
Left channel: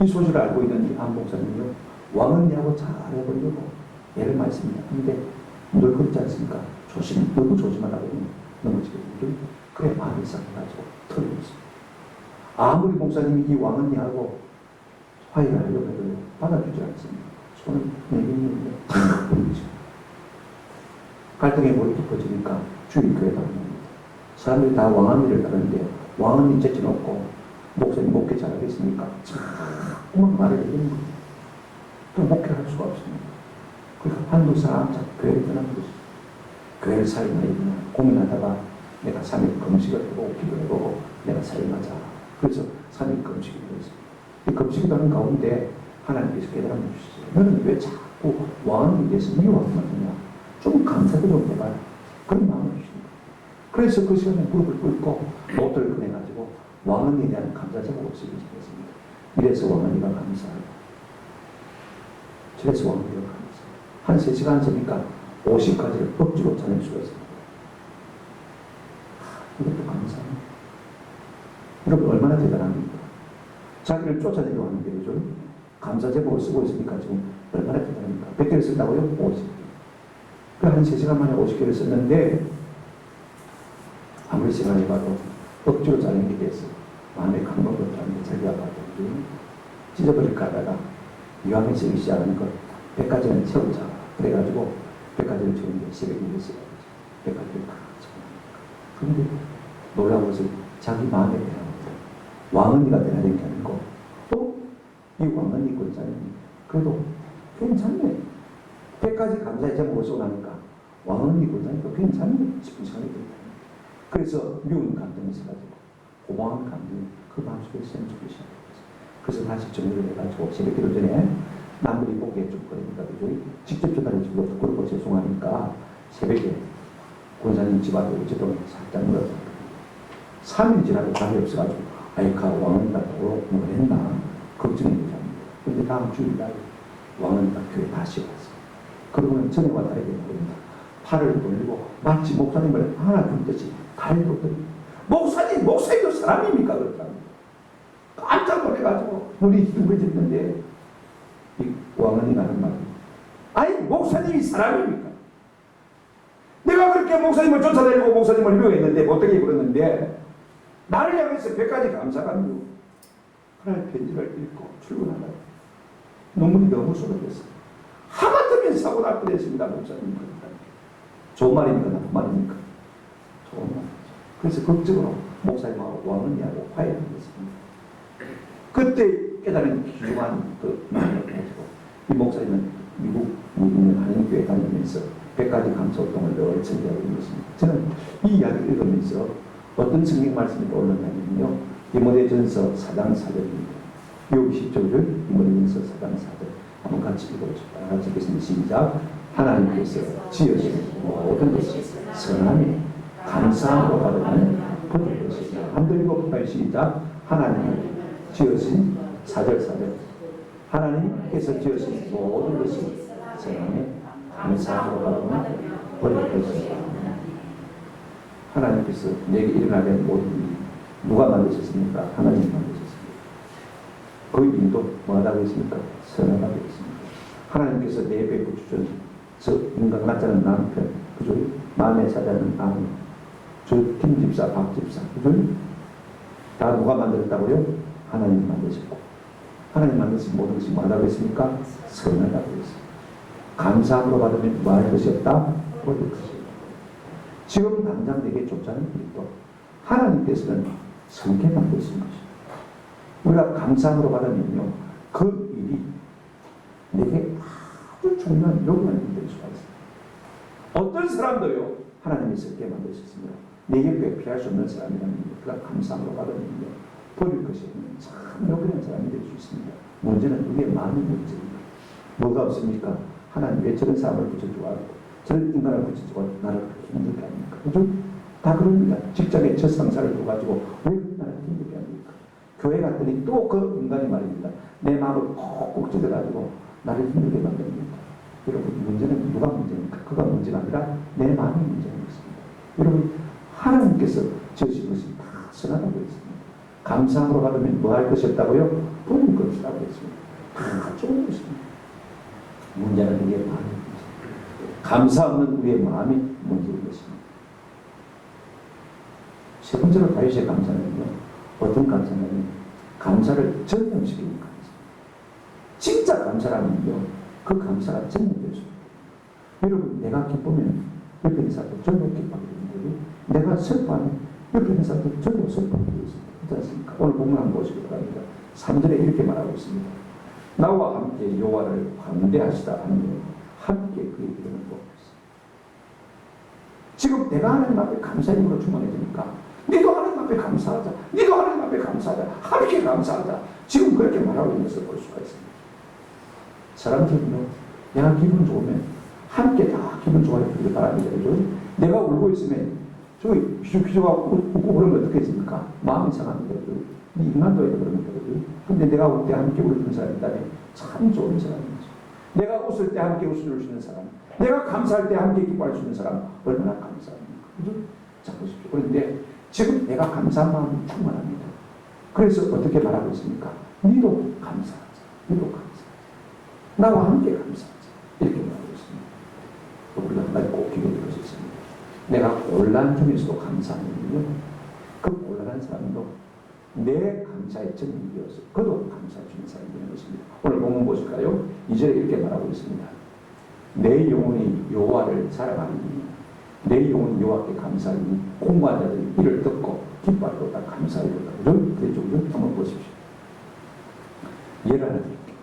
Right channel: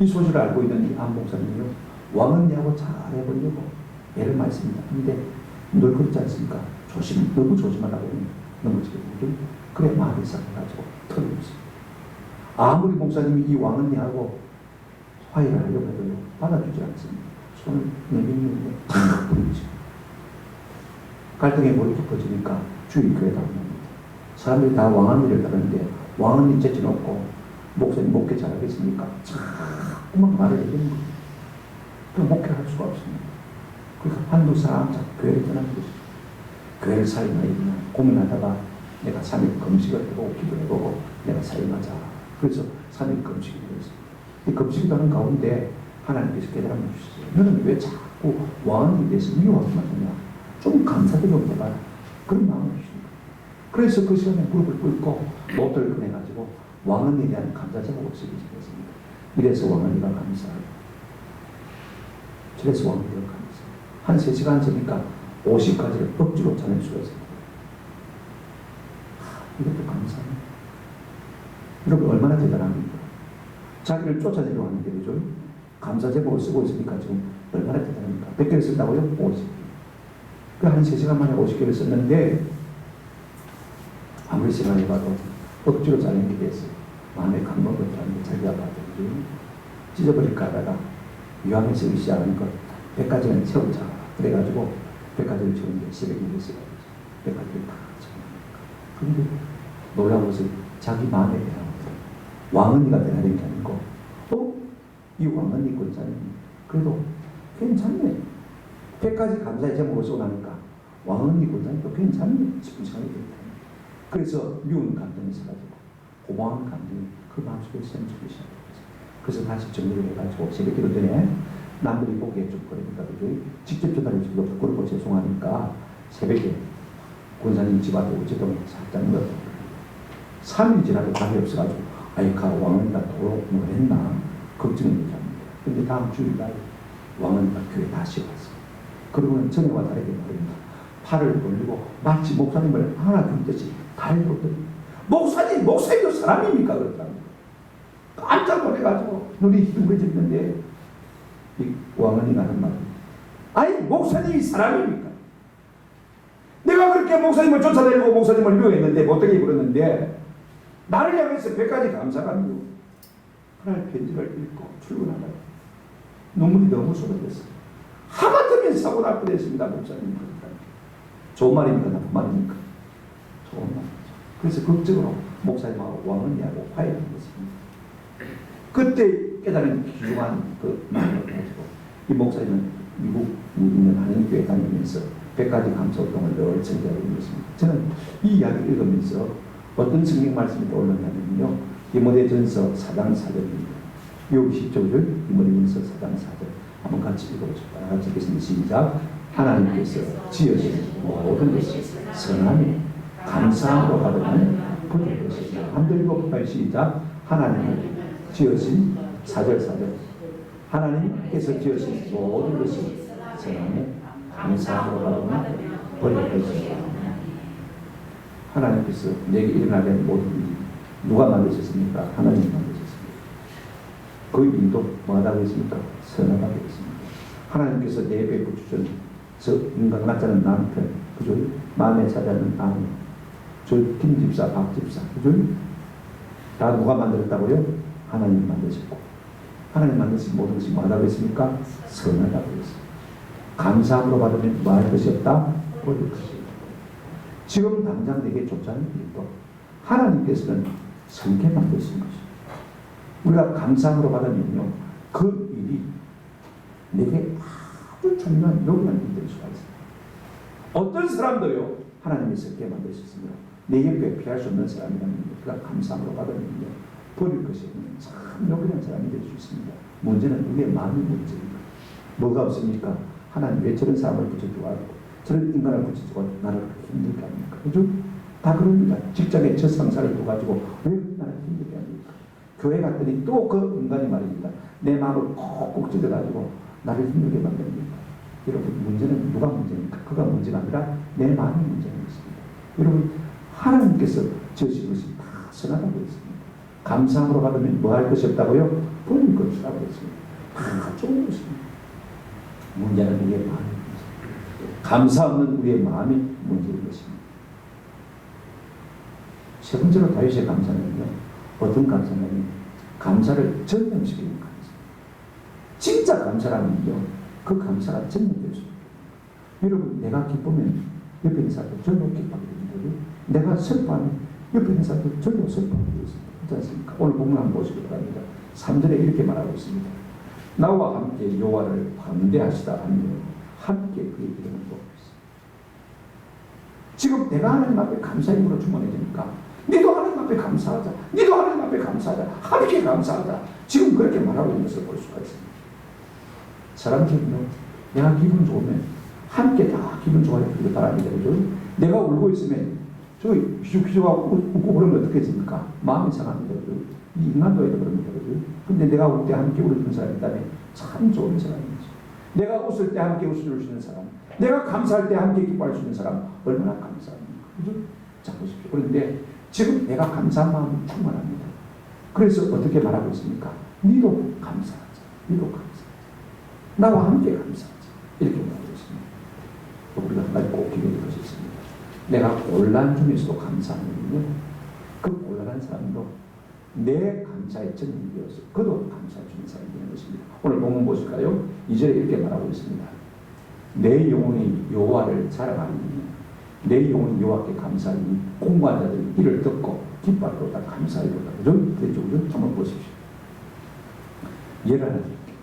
이 소식을 알고 있는 이 안 목사님이요, 왕언니하고 잘해보려고 애를 많이 씁니다. 근데 늘 그렇지 않습니까? 너무 조심하라고 넘어지거든요. 그래 마음이 싹해가지고 털어졌습니다. 아무리 목사님이 이 왕언니하고 화해를 하려고 해도 받아주지 않습니다. 손을 내밀는데 잘못 부리죠. 갈등의 물이 깊어지니까 주의 교회다 옵니다. 사람들이 다 왕언니를 따르는데 왕언니 제쳐놓고 목사님 목회 잘하겠습니까? 자꾸만 말을 해주는 거예요. 그럼 목회를 할 수가 없습니다. 그러니까 한두 사람 자꾸 교회를 떠나는 것이죠. 교회를 사임하야 고민하다가 내가 3일 금식을 해보고 기도를 해보고 내가 사임하자. 그래서 3일 금식을 했습니다. 이 금식을 하는 가운데 하나님께서 깨달음을 주시죠. 너는 왜 자꾸 왕언니에 대해서 미워하기만 하냐? 좀 감사드리고 해봐라. 그런 마음을 주십니다. 그래서 그 시간에 무릎을 꿇고 노트를 꺼내가지고 왕언니에 대한 감사 제목을 쓰기 시작했습니다. 이래서 왕언니가 감사하고 저래서 왕언니가 감사하고 한 3시간 전이니까 50가지를 억지로 찾을 수가 있습니다. 이것도 감사합니다. 여러분 얼마나 대단합니까? 자기를 쫓아내려 하는데 그죠? 감사 제목을 쓰고 있으니까 지금 얼마나 대단합니까? 100개를 쓴다고요? 50개. 그 한 3시간 만에 50개를 썼는데 아무리 시간이 봐도 억지로 짜는 게 됐어요. 마음에 감동을 들었는데 자기가 봐도 찢어버릴까 하다가 유황을 쓰기 시작하는 것 100가지는 채우자. 그래가지고 100가지를 채우는데 1000개를 써야지. 100가지를 다 채우니까. 그런데 놀라운 것은 자기 마음에 대한 왕언니가 변화된 게 아니고 이 왕언니 권사님 그래도 괜찮네. 100가지 감사의 제목을 쓰고 나니까 왕언니 권사님도 괜찮네 싶은 생각이 듭니다. 그래서 미운 감정이 있어가지고 고마운 감정이 그 마음속에 생기기 시작했어요. 그래서 다시 정리를 해가지고 새벽 기도 전에 남들이 보기에 좀 그러니까 그죠? 직접 전화를 주고 부끄럽고 죄송하니까 새벽에 권사님 집 앞에 우체통에 살짝 넣었다. 3일 지나도 답이 없어가지고 아이카 왕언니가 또 뭐 했나 걱정이 됩니다. 그런데 다음 주일날 왕언니가 교회 다시 왔어요. 그러고는 전에와 다르게 말입니다. 팔을 돌리고 마치 목사님을 안아준 듯이 달려오더니 목사님도 사람입니까? 그렇더랍니다. 깜짝 놀래가지고 눈이 휘둥그레졌는데 이 왕언니가 하는 말입니다. 아니 목사님이 사람입니까? 내가 그렇게 목사님을 쫓아다니고 목사님을 미워했는데 못되게 입었는데 나를 향해서 100가지 감사가 아니고 하나의 편지를 읽고 출근하다가 눈물이 너무 쏟아졌어요. 하마터면 사고 날 뻔했습니다. 목사님. 좋은 말입니까? 나쁜 말입니까? 좋은 말이죠. 그래서 극적으로 목사님하고 왕언니하고 화해를 했습니다. 그때 깨달은 귀중한 그 마음을 가지고 이 목사님은 미국 있는 한인교회 다니면서 100가지 감사 활동을 늘 전개하고 있는 것입니다. 저는 이 이야기를 읽으면서 어떤 성경 말씀이 떠올랐냐면요. 디모데전서 4장 4절입니다. 여기 10절을 디모데전서 4장 4절 한번 같이 읽어보시죠. 다 같이 읽겠습니다. 시작. 하나님께서 지으신 모든 것이 선함이 감사함으로 받으면 받을 것이다. 한번 읽어볼까요? 시작. 하나님을 지으신 4절 하나님께서 지으신 모든 것이 선함이 감사함으로 받으면 받을 것이다. 하나님께서 내게 일어나게 한 모든 일이 누가 만드셨습니까? 하나님이 만드셨습니다. 그 일도 뭐하다고 했습니까? 선하다고 했습니다. 하나님께서 내 배고 주신 저 인간 같지 않은 남편, 그죠? 마음에 차지하는 아내, 저 김집사, 박집사, 그죠? 다 누가 만들었다고요? 하나님이 만드셨고, 하나님 만드신 모든 것이 뭐하다고 했습니까? 선하다고 했습니다. 감사함으로 받으면 뭐할 것이 없다? 버릴 것이 없다. 지금 당장 내게 좋지 않은 일도 하나님께서는 성게 만드신 것입니다. 우리가 감사함으로 받으면요, 그 일이 내게 아주 중요한 요구한 일이 될 수가 있습니다. 어떤 사람도요, 하나님이 성게 만드셨습니다. 내 옆에 피할 수 없는 사람이라면 그가 감사함으로 받으면요 버릴 것이 없는 참 요긴한 사람이 될 수 있습니다. 문제는 우리의 마음의 문제입니다. 뭐가 없습니까? 하나님 왜 저런 사람을 붙여주고 저런 인간을 붙여주고 나를 그렇게 힘들게 합니까? 그죠? 다 그럽니다. 직장에 저 상사를 둬가지고 왜 나를 힘들게 합니까? 교회 갔더니 또 그 인간이 말입니다. 내 마음을 콕콕 찔러가지고 나를 힘들게 만듭니다. 여러분 문제는 누가 문제입니까? 그가 문제가 아니라 내 마음이 문제인 것입니다. 여러분 하나님께서 지으신 것이 다 선하다고 했습니다. 감사함으로 받으면 뭐 할 것이 없다고요? 버릴 것이 없다고 했습니다. 다 좋은 것입니다. 문제는 우리의 마음이 문제입니다. 감사 없는 우리의 마음이 문제인 것입니다. 세 번째로 다윗의 감사는요. 어떤 감사냐면 감사를 전념시키는 감사. 진짜 감사라면요. 그 감사가 전념될 수 있습니다. 여러분 내가 기쁘면 옆에 있는 사람도 전혀 기뻐하게 됩니다. 내가 슬퍼하면 옆에 있는 사람도 전혀 슬퍼하게 됩니다. 그렇지 않습니까? 오늘 본문 한번 보시기 바랍니다. 3절에 이렇게 말하고 있습니다. 나와 함께 여호와를 광대하시다 하며 함께 그의 이름을 높였습니다. 지금 내가 하나님 앞에 감사의 힘으로 충만해지니까 니도 하나님 앞에 감사하자. 니도 하나님 앞에 감사하자. 함께 감사하자. 지금 그렇게 말하고 있는 것을 볼 수가 있습니다. 사람들은요, 내가 기분 좋으면 함께 다 기분 좋아지기를 바랍니다. 그죠? 내가 울고 있으면 저기 휘죽휘죽하고 웃고 그러면 어떻게 됩니까? 마음이 상합니다. 그죠? 이 인간도에도 그럽니다. 그죠? 근데 내가 울 때 함께 울어주는 사람이 있다면 참 좋은 사람이죠. 내가 웃을 때 함께 웃어줄 수 있는 사람, 내가 감사할 때 함께 기뻐할 수 있는 사람, 얼마나 감사합니까? 그죠? 자, 보십시오. 그런데 지금 내가 감사한 마음이 충만합니다. 그래서 어떻게 말하고 있습니까? 니도 감사하자. 니도 감사하자. 나와 함께 감사하자. 이렇게 말하고 있습니다. 우리가 한 가지 꼭 기억할 것이 있습니다. 내가 곤란 중에서도 감사하면요. 그 곤란한 사람도 내 감사의 전념이 되어서 그도 감사해 주는 사람이 되는 것입니다. 오늘 본문 보실까요? 2절에 이렇게 말하고 있습니다. 내 영혼이 여호와를 자랑하리니 내 영혼이 여호와께 감사하니 공부한 자들이 이를 듣고 기뻐하리로다 감사하리로다. 그죠? 한번 보십시오. 예를 하나 드릴게요.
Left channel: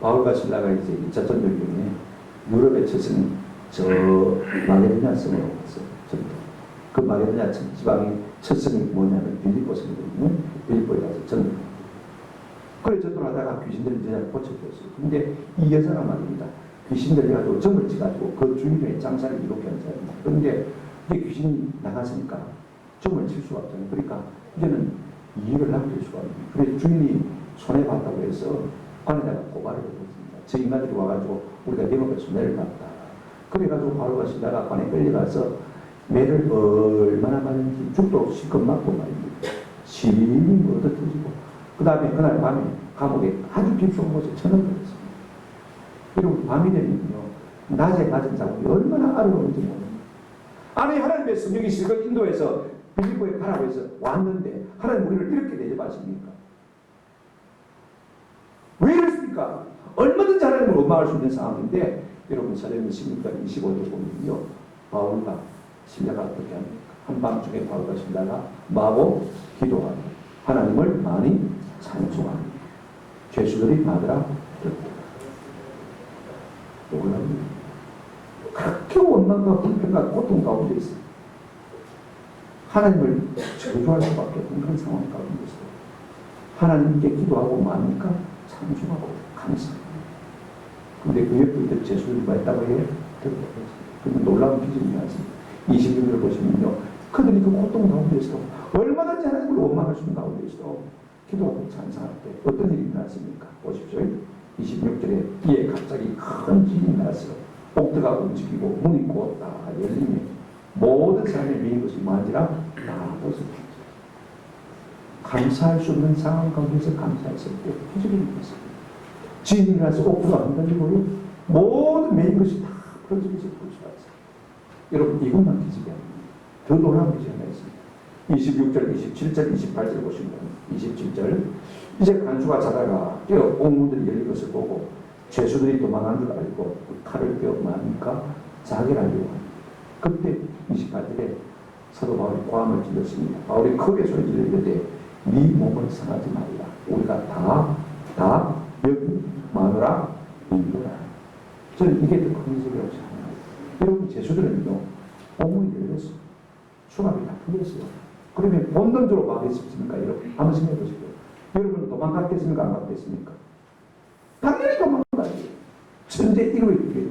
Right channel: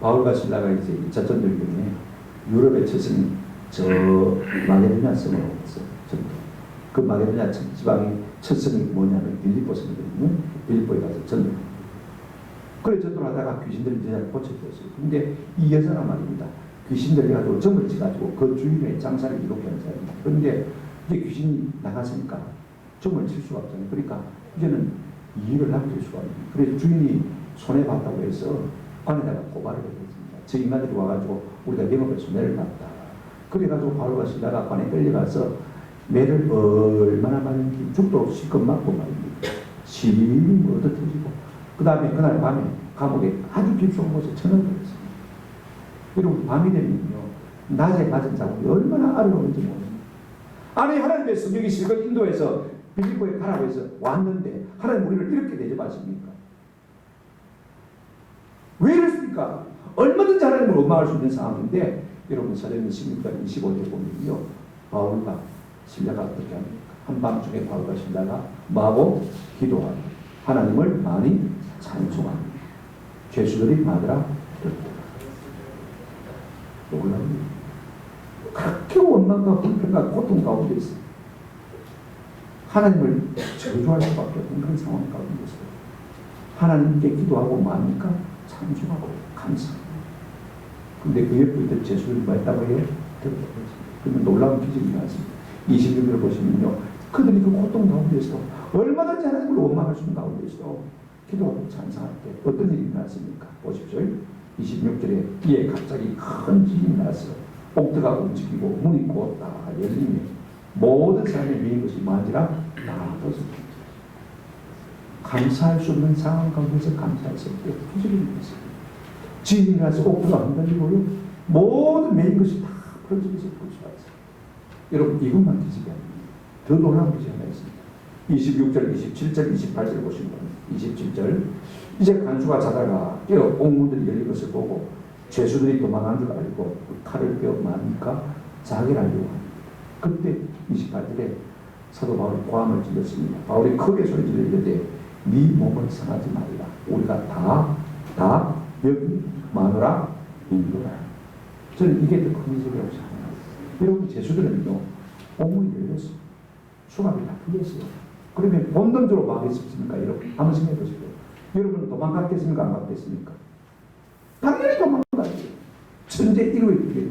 바울과 실라가 이제 2차 전쟁에 유럽에 처신 저 마게도냐 성으로 갔어요. 그 마게도냐 지방의 첫 성이 뭐냐면 빌립보 성이거든요. 빌립보에 가서 전도를. 그래 전도를 하다가 귀신들이 여자를 고쳐줬어요. 근데 이 여자가 말입니다. 귀신들이 가지고 점을 찍어가지고 그 주인의 장사를 이렇게 하는 사람입니다. 그런데 이제 귀신이 나갔으니까 점을 칠 수가 없잖아요. 그러니까 이제는 이익을 남길 수가 없는. 그래서 주인이 손해봤다고 해서 관에다가 고발을 했습니다. 저 인간들이 와가지고 우리가 영업에 손해를 봤다. 그래가지고 바울과 실라가 관에 끌려가서 매를 얼마나 많은지 죽도록 실컷 맞고 말입니다. 심히 얻어 터지고 그 다음에 그날 밤에 감옥에 아주 깊숙한 곳에 처형을 했습니다. 여러분 밤이 되면요 낮에 맞은 자국이 얼마나 아름다운지 모릅니다. 아니 하나님의 성령이 실컷 인도해서 빌립보에 가라고 해서 왔는데 하나님 우리를 이렇게 대접하십니까? 왜 이랬습니까? 얼마든지 하나님을 원망할 수 있는 상황인데 여러분 사도행전 16장 25절에 보면요 바울과 실라가 어떻게 합니까? 한밤중에 바울과 실라가 마고 기도하고 하나님을 많이 찬송합니다. 죄수들이 마누라 듣고 놀랍니다. 그렇게 원망과 불평과 고통 가운데 있어요. 하나님을 저주할 수밖에 없는 그런 상황 가운데 있어요. 하나님께 기도하고 뭡니까? 찬송하고 감사합니다. 근데 그 옆에 있던 죄수들이 뭐 했다고 해요? 듣고 그러면 놀라운 기적이 나왔습니다. 26절을 보시면요. 그들이 그 고통 가운데서도 얼마든지 하나님을 원망할 수 있는 가운데서도 기도하고 찬송할 때 어떤 일이 나왔습니까? 보십시오. 26절에 이에 갑자기 큰 지진이 나서 옥토가 움직이고 문이 곧 다 열리며 모든 사람의 미인 것이 만지라 다 벗어졌습니다. 감사할 수 없는 상황 가운데서 감사했을 때 기적이 있습니다. 지진이 나서 옥토가 흔들리고요. 모든 메인 것이 다 풀어지면서 볼 수가 있어요. 여러분 이것만 기적이 아닙니다. 더 놀라운 기적이 하나 있습니다. 26절, 27절, 28절 보시면 27절 이제 간수가 자다가 깨어 옥문들이 열린 것을 보고 죄수들이 도망한 줄 알고 칼을 빼어 뭡니까? 자기를 하려고 합니다. 그때 28절에 사도 바울이 고함을 질렀습니다. 바울이 크게 소리 지르는데 네 몸을 상하지 말라. 우리가 다 여기 마누라 인도라. 저는 이게 더 큰 기적이라고 생각합니다. 여러분 죄수들은요 옥문이 열렸습니다. 수갑이 다 풀렸어요. 그러면 본능적으로 막겠습니까? 여러분 한번 생각해 보시죠. 여러분 도망갔겠습니까? 안 갔겠습니까? 당연히 도망가지. 천재 이루어지게.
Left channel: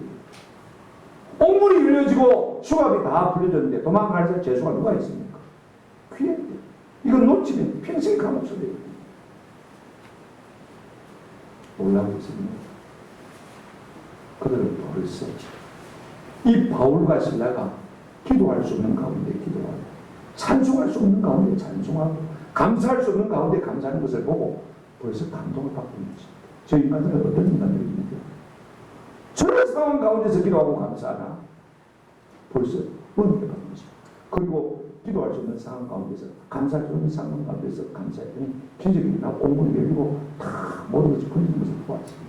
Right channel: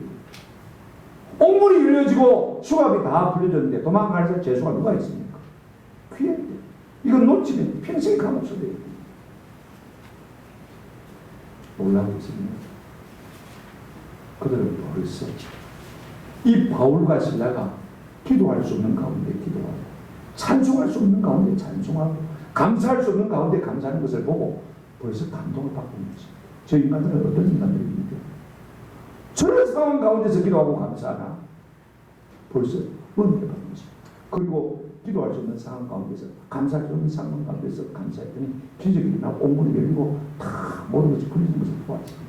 옥문이 열려지고 수갑이 다 풀려졌는데 도망갈 재수가 누가 있습니까? 귀한데. 이건 놓치면 평생 감옥소리예요. 놀라고 있습니다. 그들은 벌써 이 바울과 실라가 기도할 수 없는 가운데 기도하고 찬송할 수 없는 가운데 찬송하고 감사할 수 없는 가운데 감사하는 것을 보고 벌써 감동을 받고 있는 것입니다. 저 인간들은 어떤 인간들입니까? 저런 상황 가운데서 기도하고 감사하나 벌써 은혜를 받는 것입니다. 그리고 기도할 수 없는 상황 가운데서 감사할 수 없는 상황 가운데서 감사했더니 기적이 일어나고 옥문이 열리고 다 모든 것이 풀리는 것을 보았습니다.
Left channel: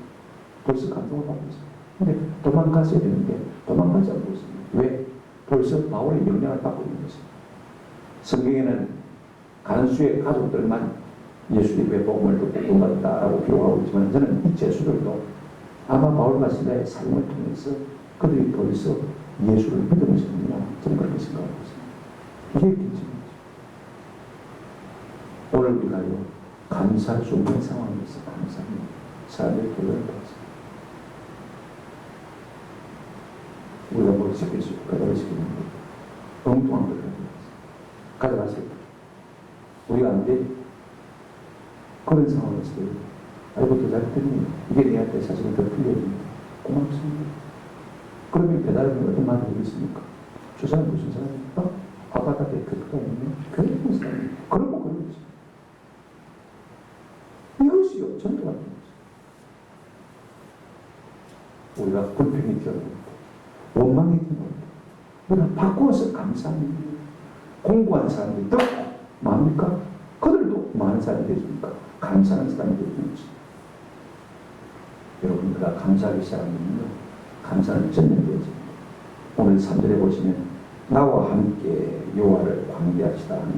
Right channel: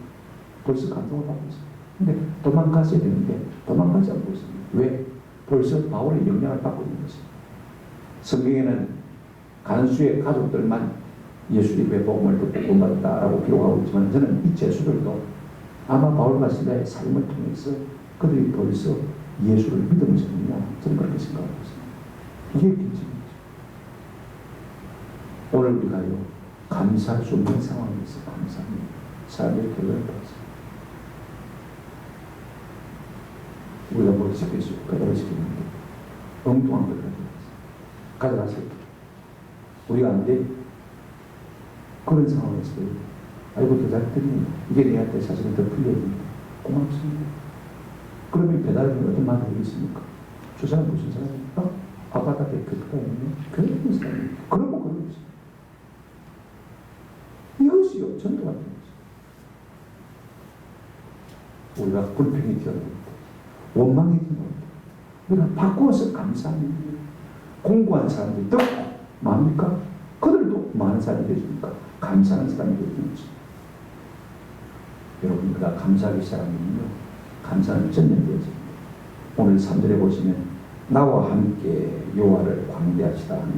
벌써 감동을 받고 있습니다. 근데 도망갔어야 되는데 도망가지 않고 있습니다. 왜? 벌써 바울의 영향을 받고 있는 것입니다. 성경에는 간수의 가족들만 예수의 복음을 듣고 구원받았다라고 기록하고 있지만 저는 이 제수들도 아마 바울과 실라의 삶을 통해서 그들이 벌써 예수를 믿은 것이냐 저는 그렇게 생각하고 있습니다. 이게 기적이죠. 오늘 우리가요 감사할 수 없는 상황에서 감사합니다. 사람의 결론을 받았습니다. 우리가 뭘 시켰어요? 가져가 시켰는데 엉뚱한 걸 가져가세요. 우리가 안 돼. 그런 상황에서 아이고 더 잘했더니 이게 내한테 사실은 더 풀려있는데 고맙습니다. 그러면 배달은 어떤 말이 되겠습니까? 저 사람 무슨 사람입니까? 아바다에 교회가 있는 교회 있는 사람이 그러고 그런 거죠. 이것이요 전도 같은 거죠. 우리가 불평이 튀어나옵니다. 원망이 튀어나옵니다. 우리가 바꾸어서 감사합니다. 공부한 사람들이 더 많습니까? 그들도 많은 사람이 되십니까? 감사하는 사람이 되는 것입니다. 여러분 우리가 감사하기 시작하면요 감사는 전염되어집니다. 오늘 3절에 보시면 나와 함께 여호와를 광대하시다 하며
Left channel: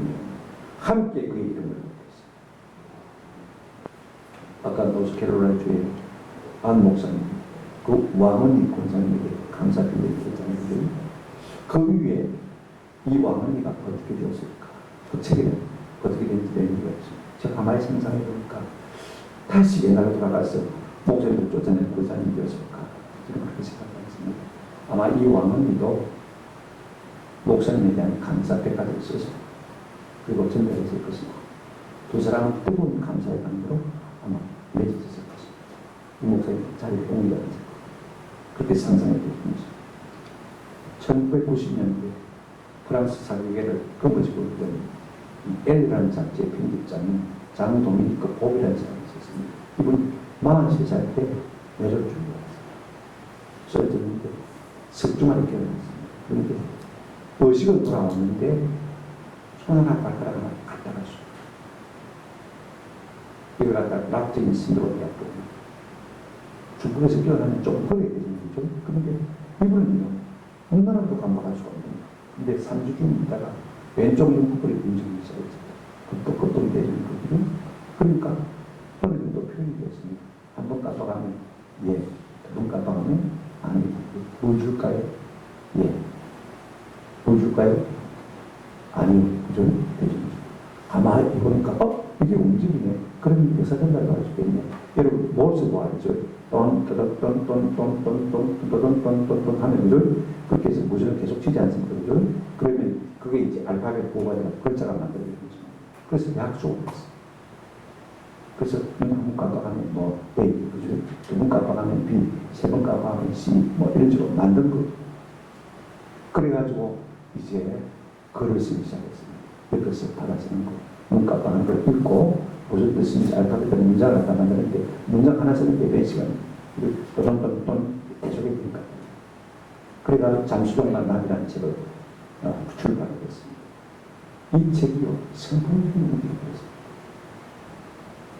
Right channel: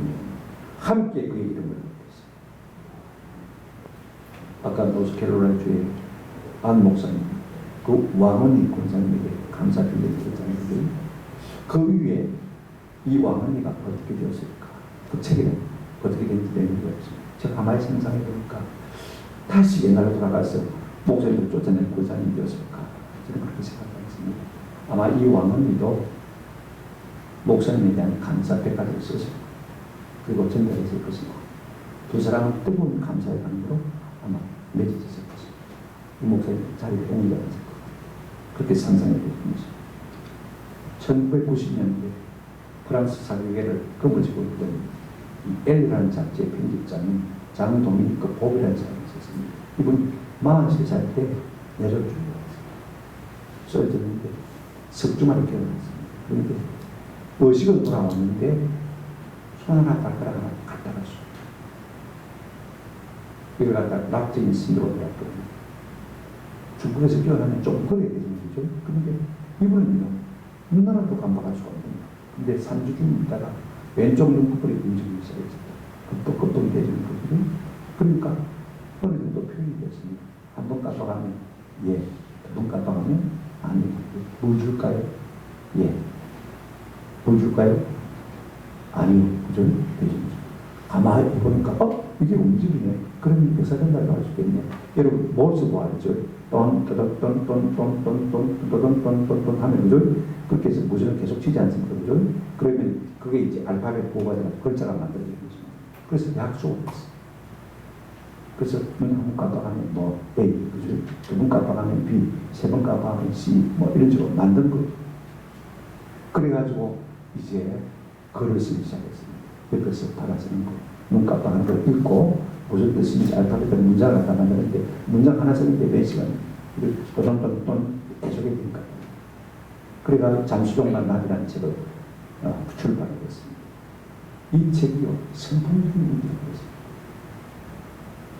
함께 그의 이름을 높였습니다. 아까 노스캐롤라이주의 안 목사님 그 왕언니 권사님에게 감사 드리는 드렸잖아요. 그 위에 이 왕언니가 어떻게 되었을까? 그 책에는 어떻게 된지 내용이 없습니다. 제가 가만히 상상해 보니까 다시 옛날로 돌아가서 목사님을 쫓아낸 권사님이 되었을까? 저는 그렇게 생각하겠습니다. 아마 이 왕언니도 목사님에 대한 감사 백과를 써서 그리고 전달했을 것이고 두 사람은 뜨거운 감사의 감으로 아마 맺어졌을 것입니다. 이 목사님 자리에 옮겨졌을 것입니다. 그렇게 상상해 보십니다. 1990년대 프랑스 사교계를 거머쥐고 있던 이 L이라는 잡지의 편집장인 장 도미니크 보비라는 사람이 있었습니다. 이분 43살 때 뇌졸중이 왔습니다. 쓰러졌는데 석주만을 깨어났습니다. 그런데 의식은 돌아왔는데 손 하나 발가락 하나 갖다 갔어요. 이걸 갖다 낙적인 신드롬이라고 합니다. 중국에서 깨어나면 좀 그래야 되죠. 그런데 이분은요 눈 하나도 감각할 수가 없습니다. 근데 3주 중 있다가 왼쪽 눈꺼풀이 움직이기 시작했습니다. 급동급동이 되는 거거든요. 그러니까 어느 정도 표현이 되었습니다. 한 번 깜빡하면 예, 두 번 깜빡하면 아니, 뭐 줄까요? 예. 뭐 줄까요? 아니요. 그죠? 되죠. 가만히 보니까 이게 움직이네. 그러면 의사전달도 할 수 있겠네. 여러분 몰스도 알죠? 돈 하면 그죠? 그렇게 해서 무전을 계속 치지 않습니까? 그죠? 그러면 그게 이제 알파벳 보호가 되고 글자가 만들어지는 거죠. 그래서 약속을 했어요. 그래서 눈 한 번 깜빡하면 뭐 A, 그죠? 두 번 깜빡하면 B, 세 번 깜빡하면 C, 뭐 이런 식으로 만든 거죠. 그래가지고 이제 글을 쓰기 시작했습니다. 옆에서 받아쓰는 거. 눈 깜빡하는 걸 읽고 무슨 뜻인지 알파벳으로 문장을 갖다 만드는데 문장 하나 쓰는데 몇 시간 돈 계속해야 되니까. 그래가지고 잠수정만 나비라는 책을 출판하게 됐습니다. 이 책이요 선풍적인 문제가 됐습니다.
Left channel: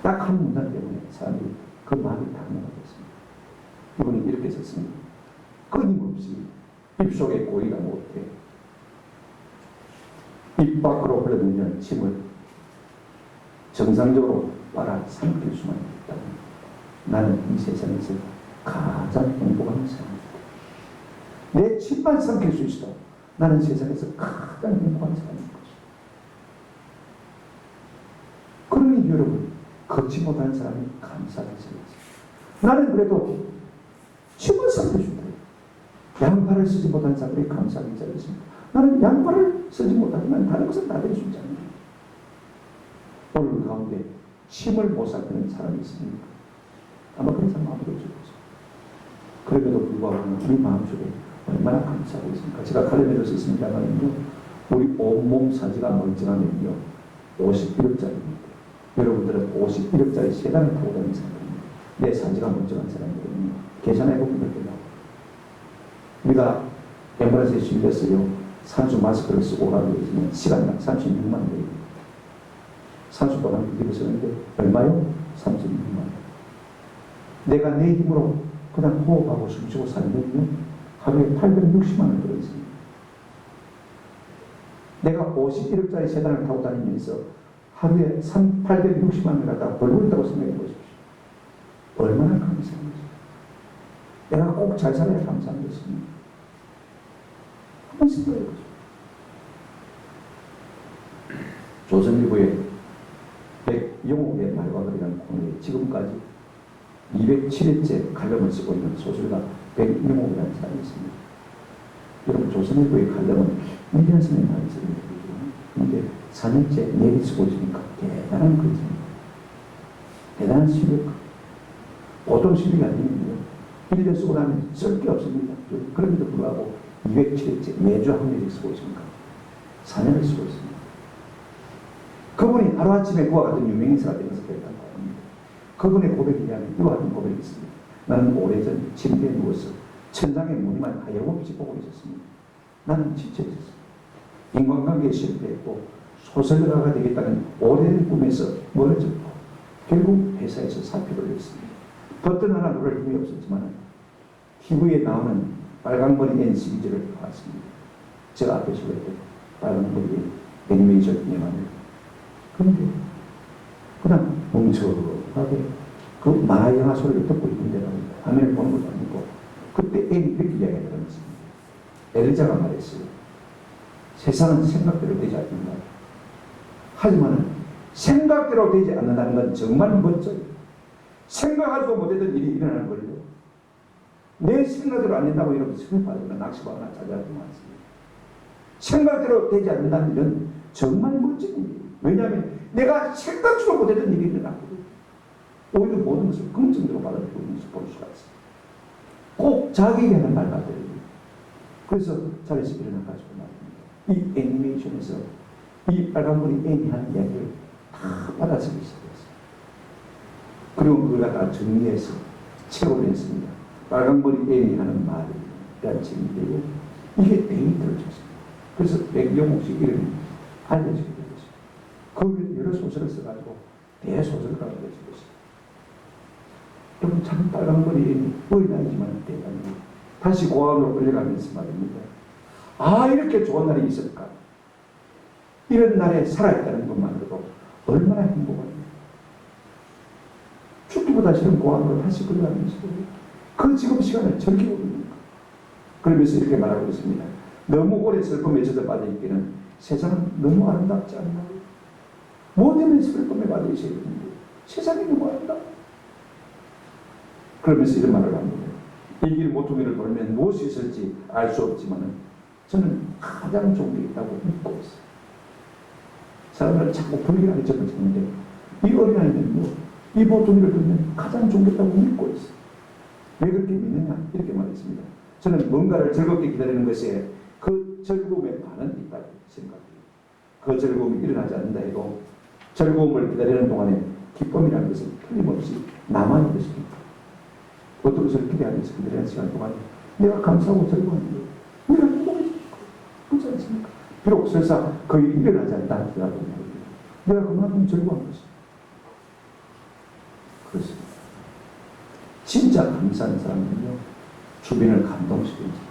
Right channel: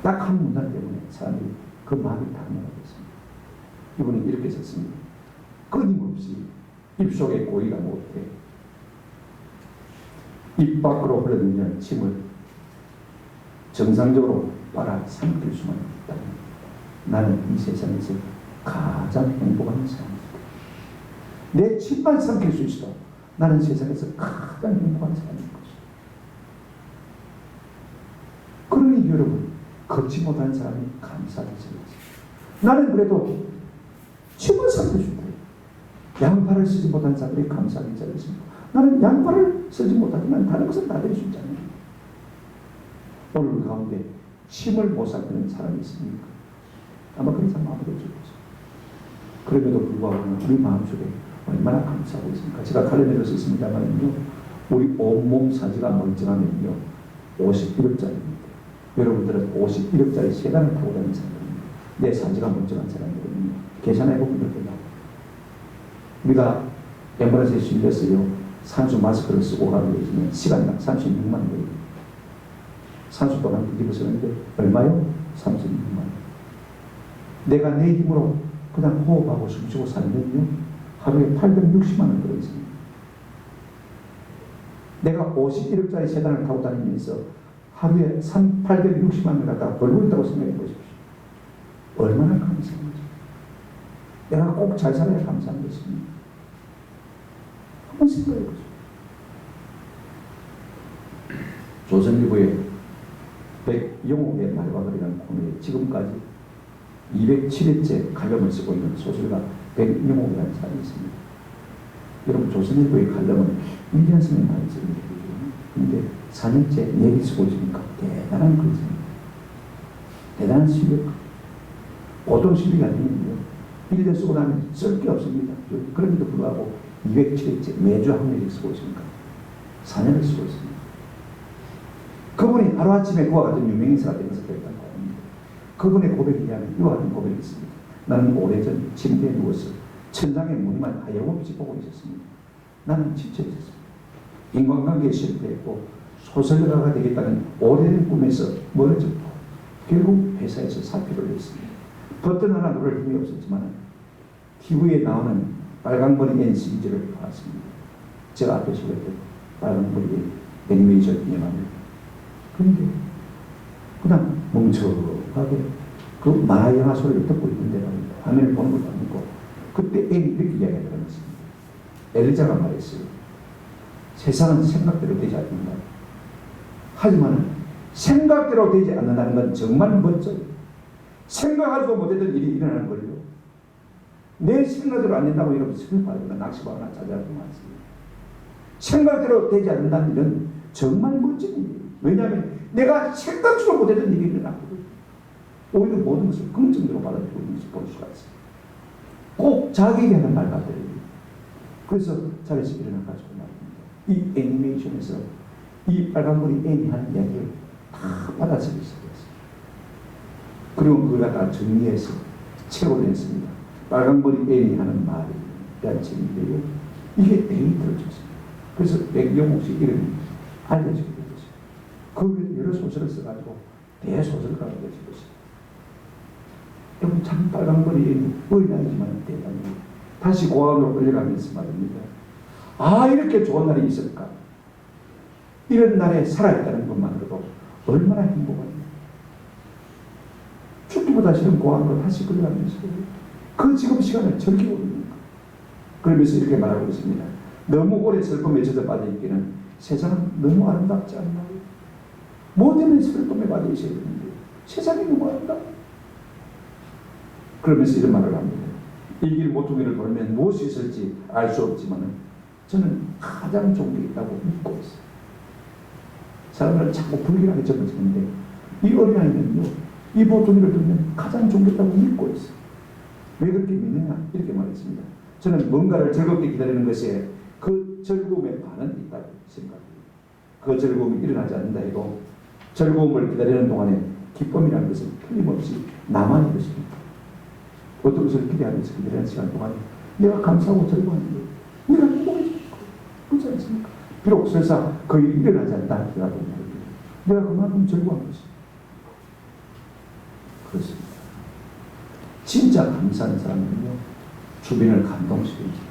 딱 한 문장 때문에 사람들이 그 마음이 당연하게 됐습니다. 이분은 이렇게 썼습니다. 끊임없이 입속에 고이가 못해 입 밖으로 흘러들면 침을 정상적으로 빨아 삼킬 수만 있다면 나는 이 세상에서 가장 행복한 사람이다. 내 침만 삼킬 수 있어. 나는 세상에서 가장 행복한 사람인 것이다. 그러니 여러분, 걷지 못한 사람이 감사하게 생겼어요. 나는 그래도 침을 살펴준다. 양팔을 쓰지 못한 사람들이 감사하게 잘했습니다. 나는 양팔을 쓰지 못하지만 다른 것은 다 될 수 있잖아요. 오늘 가운데 침을 못 살피는 사람이 있습니까? 아마 그런 사람 아무도 없을 것이죠. 그럼에도 불구하고 우리 마음속에 얼마나 감사하고 있습니까? 제가 칼럼에도 썼습니다만요, 우리 온몸 사지가 멀쩡하면요 51억짜리입니다. 여러분들은 51억짜리 세단을 타고 다니는 사람들입니다. 내 사지가 멀쩡한 사람들은요, 계산해보면 그렇게 나와요. 우리가 앰뷸런스에 실렸어요. 산수 마스크를 쓰고 가고 계시면 시간당 36만 원 걸립니다. 산수 동안 뒤집어 쓰는데 얼마요? 36만 원. 내가 내 힘으로 그냥 호흡하고 숨쉬고 살면요 하루에 860만 원 들어있습니다. 내가 51억짜리 세단을 타고 다니면서 하루에 860만 원을 갖다가 벌고 있다고 생각해 보십시오. 얼마나 감사한 거죠. 내가 꼭 잘 살아야 감사한 것입니다. 한번 생각해 보죠. 조선일보의 백영옥의 말과 글이라는 코너에 지금까지 207회째 칼럼을 쓰고 있는 소설가 백영옥이라는 사람이 있습니다. 여러분, 조선일보의 칼럼은 1년 선에 많이 씁니다. 그런데 4년째 내리 쓰고 있으니까 대단한 글입니다. 대단한 실력. 보통 실력이 아니면요 1년 쓰고 나면 쓸 게 없습니다. 그럼에도 불구하고 207회째 매주 한 명씩 쓰고 있으니까 4년을 쓰고 있습니다. 그분이 하루아침에 그와 같은 유명인사가 되면서 그랬다고 합니다. 그분의 고백이 아닌 이와 같은 고백이 있습니다. 나는 오래전 침대에 누워서 천장의 무늬만 하염없이 보고 있었습니다. 나는 지쳐 있었습니다. 인간관계에 실패했고 소설가가 되겠다는 오래된 꿈에서 멀어졌고 결국 회사에서 사표를 냈습니다. 버튼 하나 누를 힘이 없었지만 TV에 나오는 빨강머리 앤 시리즈를 봤습니다. 제가 앞에 소개했던 빨강머리 애니메이션 영화입니다. 그런데 그냥 멍청하게 그 만화 영화 소리를 듣고 있는데 화면을 보는 것도 아니고 그때 애기 이렇게 이야기하는 것입니다. 엘자가 말했어요. 세상은 생각대로 되지 않는다. 하지만 생각대로 되지 않는다는 건 정말 멋져요. 생각하지도 못했던 일이 일어나는 걸요. 내 생각대로 안 된다고 여러분 슬퍼하거나 낙심하거나 자제하지 마세요. 생각대로 되지 않는다는 일은 정말 멋진 일이에요. 왜냐하면 내가 생각지도 못했던 일이 일어나거든요. 오히려 모든 것을 긍정적으로 받아들이고 있는 것을 볼 수가 있어요. 꼭 자기에게 하는 말 같아요. 그래서 자기에서 일어나가지고 말입니다. 이 애니메이션에서 이 빨간머리 애니 하는 이야기를 다 받아들이기 시작했어요. 그리고 그걸 갖다 정리해서 책으로 냈습니다. 빨간머리 애니 하는 말이라는 책인데요. 이게 데이터를 줬습니다. 그래서 백영옥씨 이름이 알려지게 된 것입니다. 그 위에 여러 소설을 써가지고 대소설가가 되어진 것입니다. 여러분, 참 빨간머리 애니 어린아이지만 대단해요. 다시 고아원으로 끌려가면서 말입니다. 아, 이렇게 좋은 날이 있을까? 이런 날에 살아있다는 것만으로도 얼마나 행복합니까? 죽기보다 싫은 고아원으로 다시 끌려가면서 그 지금 시간을 즐기고 있는 것. 그러면서 이렇게 말하고 있습니다. 너무 오래 슬픔에 젖어 빠져있기는 세상은 너무 아름답지 않나? 뭐 때문에 슬픔에 빠져 있어야 되는데 세상이 너무 아름다워. 그러면서 이런 말을 합니다. 이 길 모퉁이를 돌면 무엇이 있을지 알 수 없지만 저는 가장 좋은 게 있다고 믿고 있어요. 사람들은 자꾸 불길하게 접어지는데 이 어린아이는요, 이 모퉁이를 돌면 가장 좋은 게 있다고 믿고 있어요. 왜 그렇게 믿느냐? 이렇게 말했습니다. 저는 뭔가를 즐겁게 기다리는 것에 그 즐거움의 반은 있다고 생각해요. 그 즐거움이 일어나지 않는다 해도 즐거움을 기다리는 동안에 기쁨이라는 것은 틀림없이 남아있는 것입니다. 어떤 것을 기대하면서 기다리는 시간 동안에 내가 감사하고 즐거워하는 거예요. 내가 행복해지고 그렇지 않습니까? 비록 설사 그 일이 일어나지 않다 하더라도 내가 그만큼 즐거워한 것입니다. 그렇습니다. 진짜 감사한 사람은요, 주변을 감동시킵니다.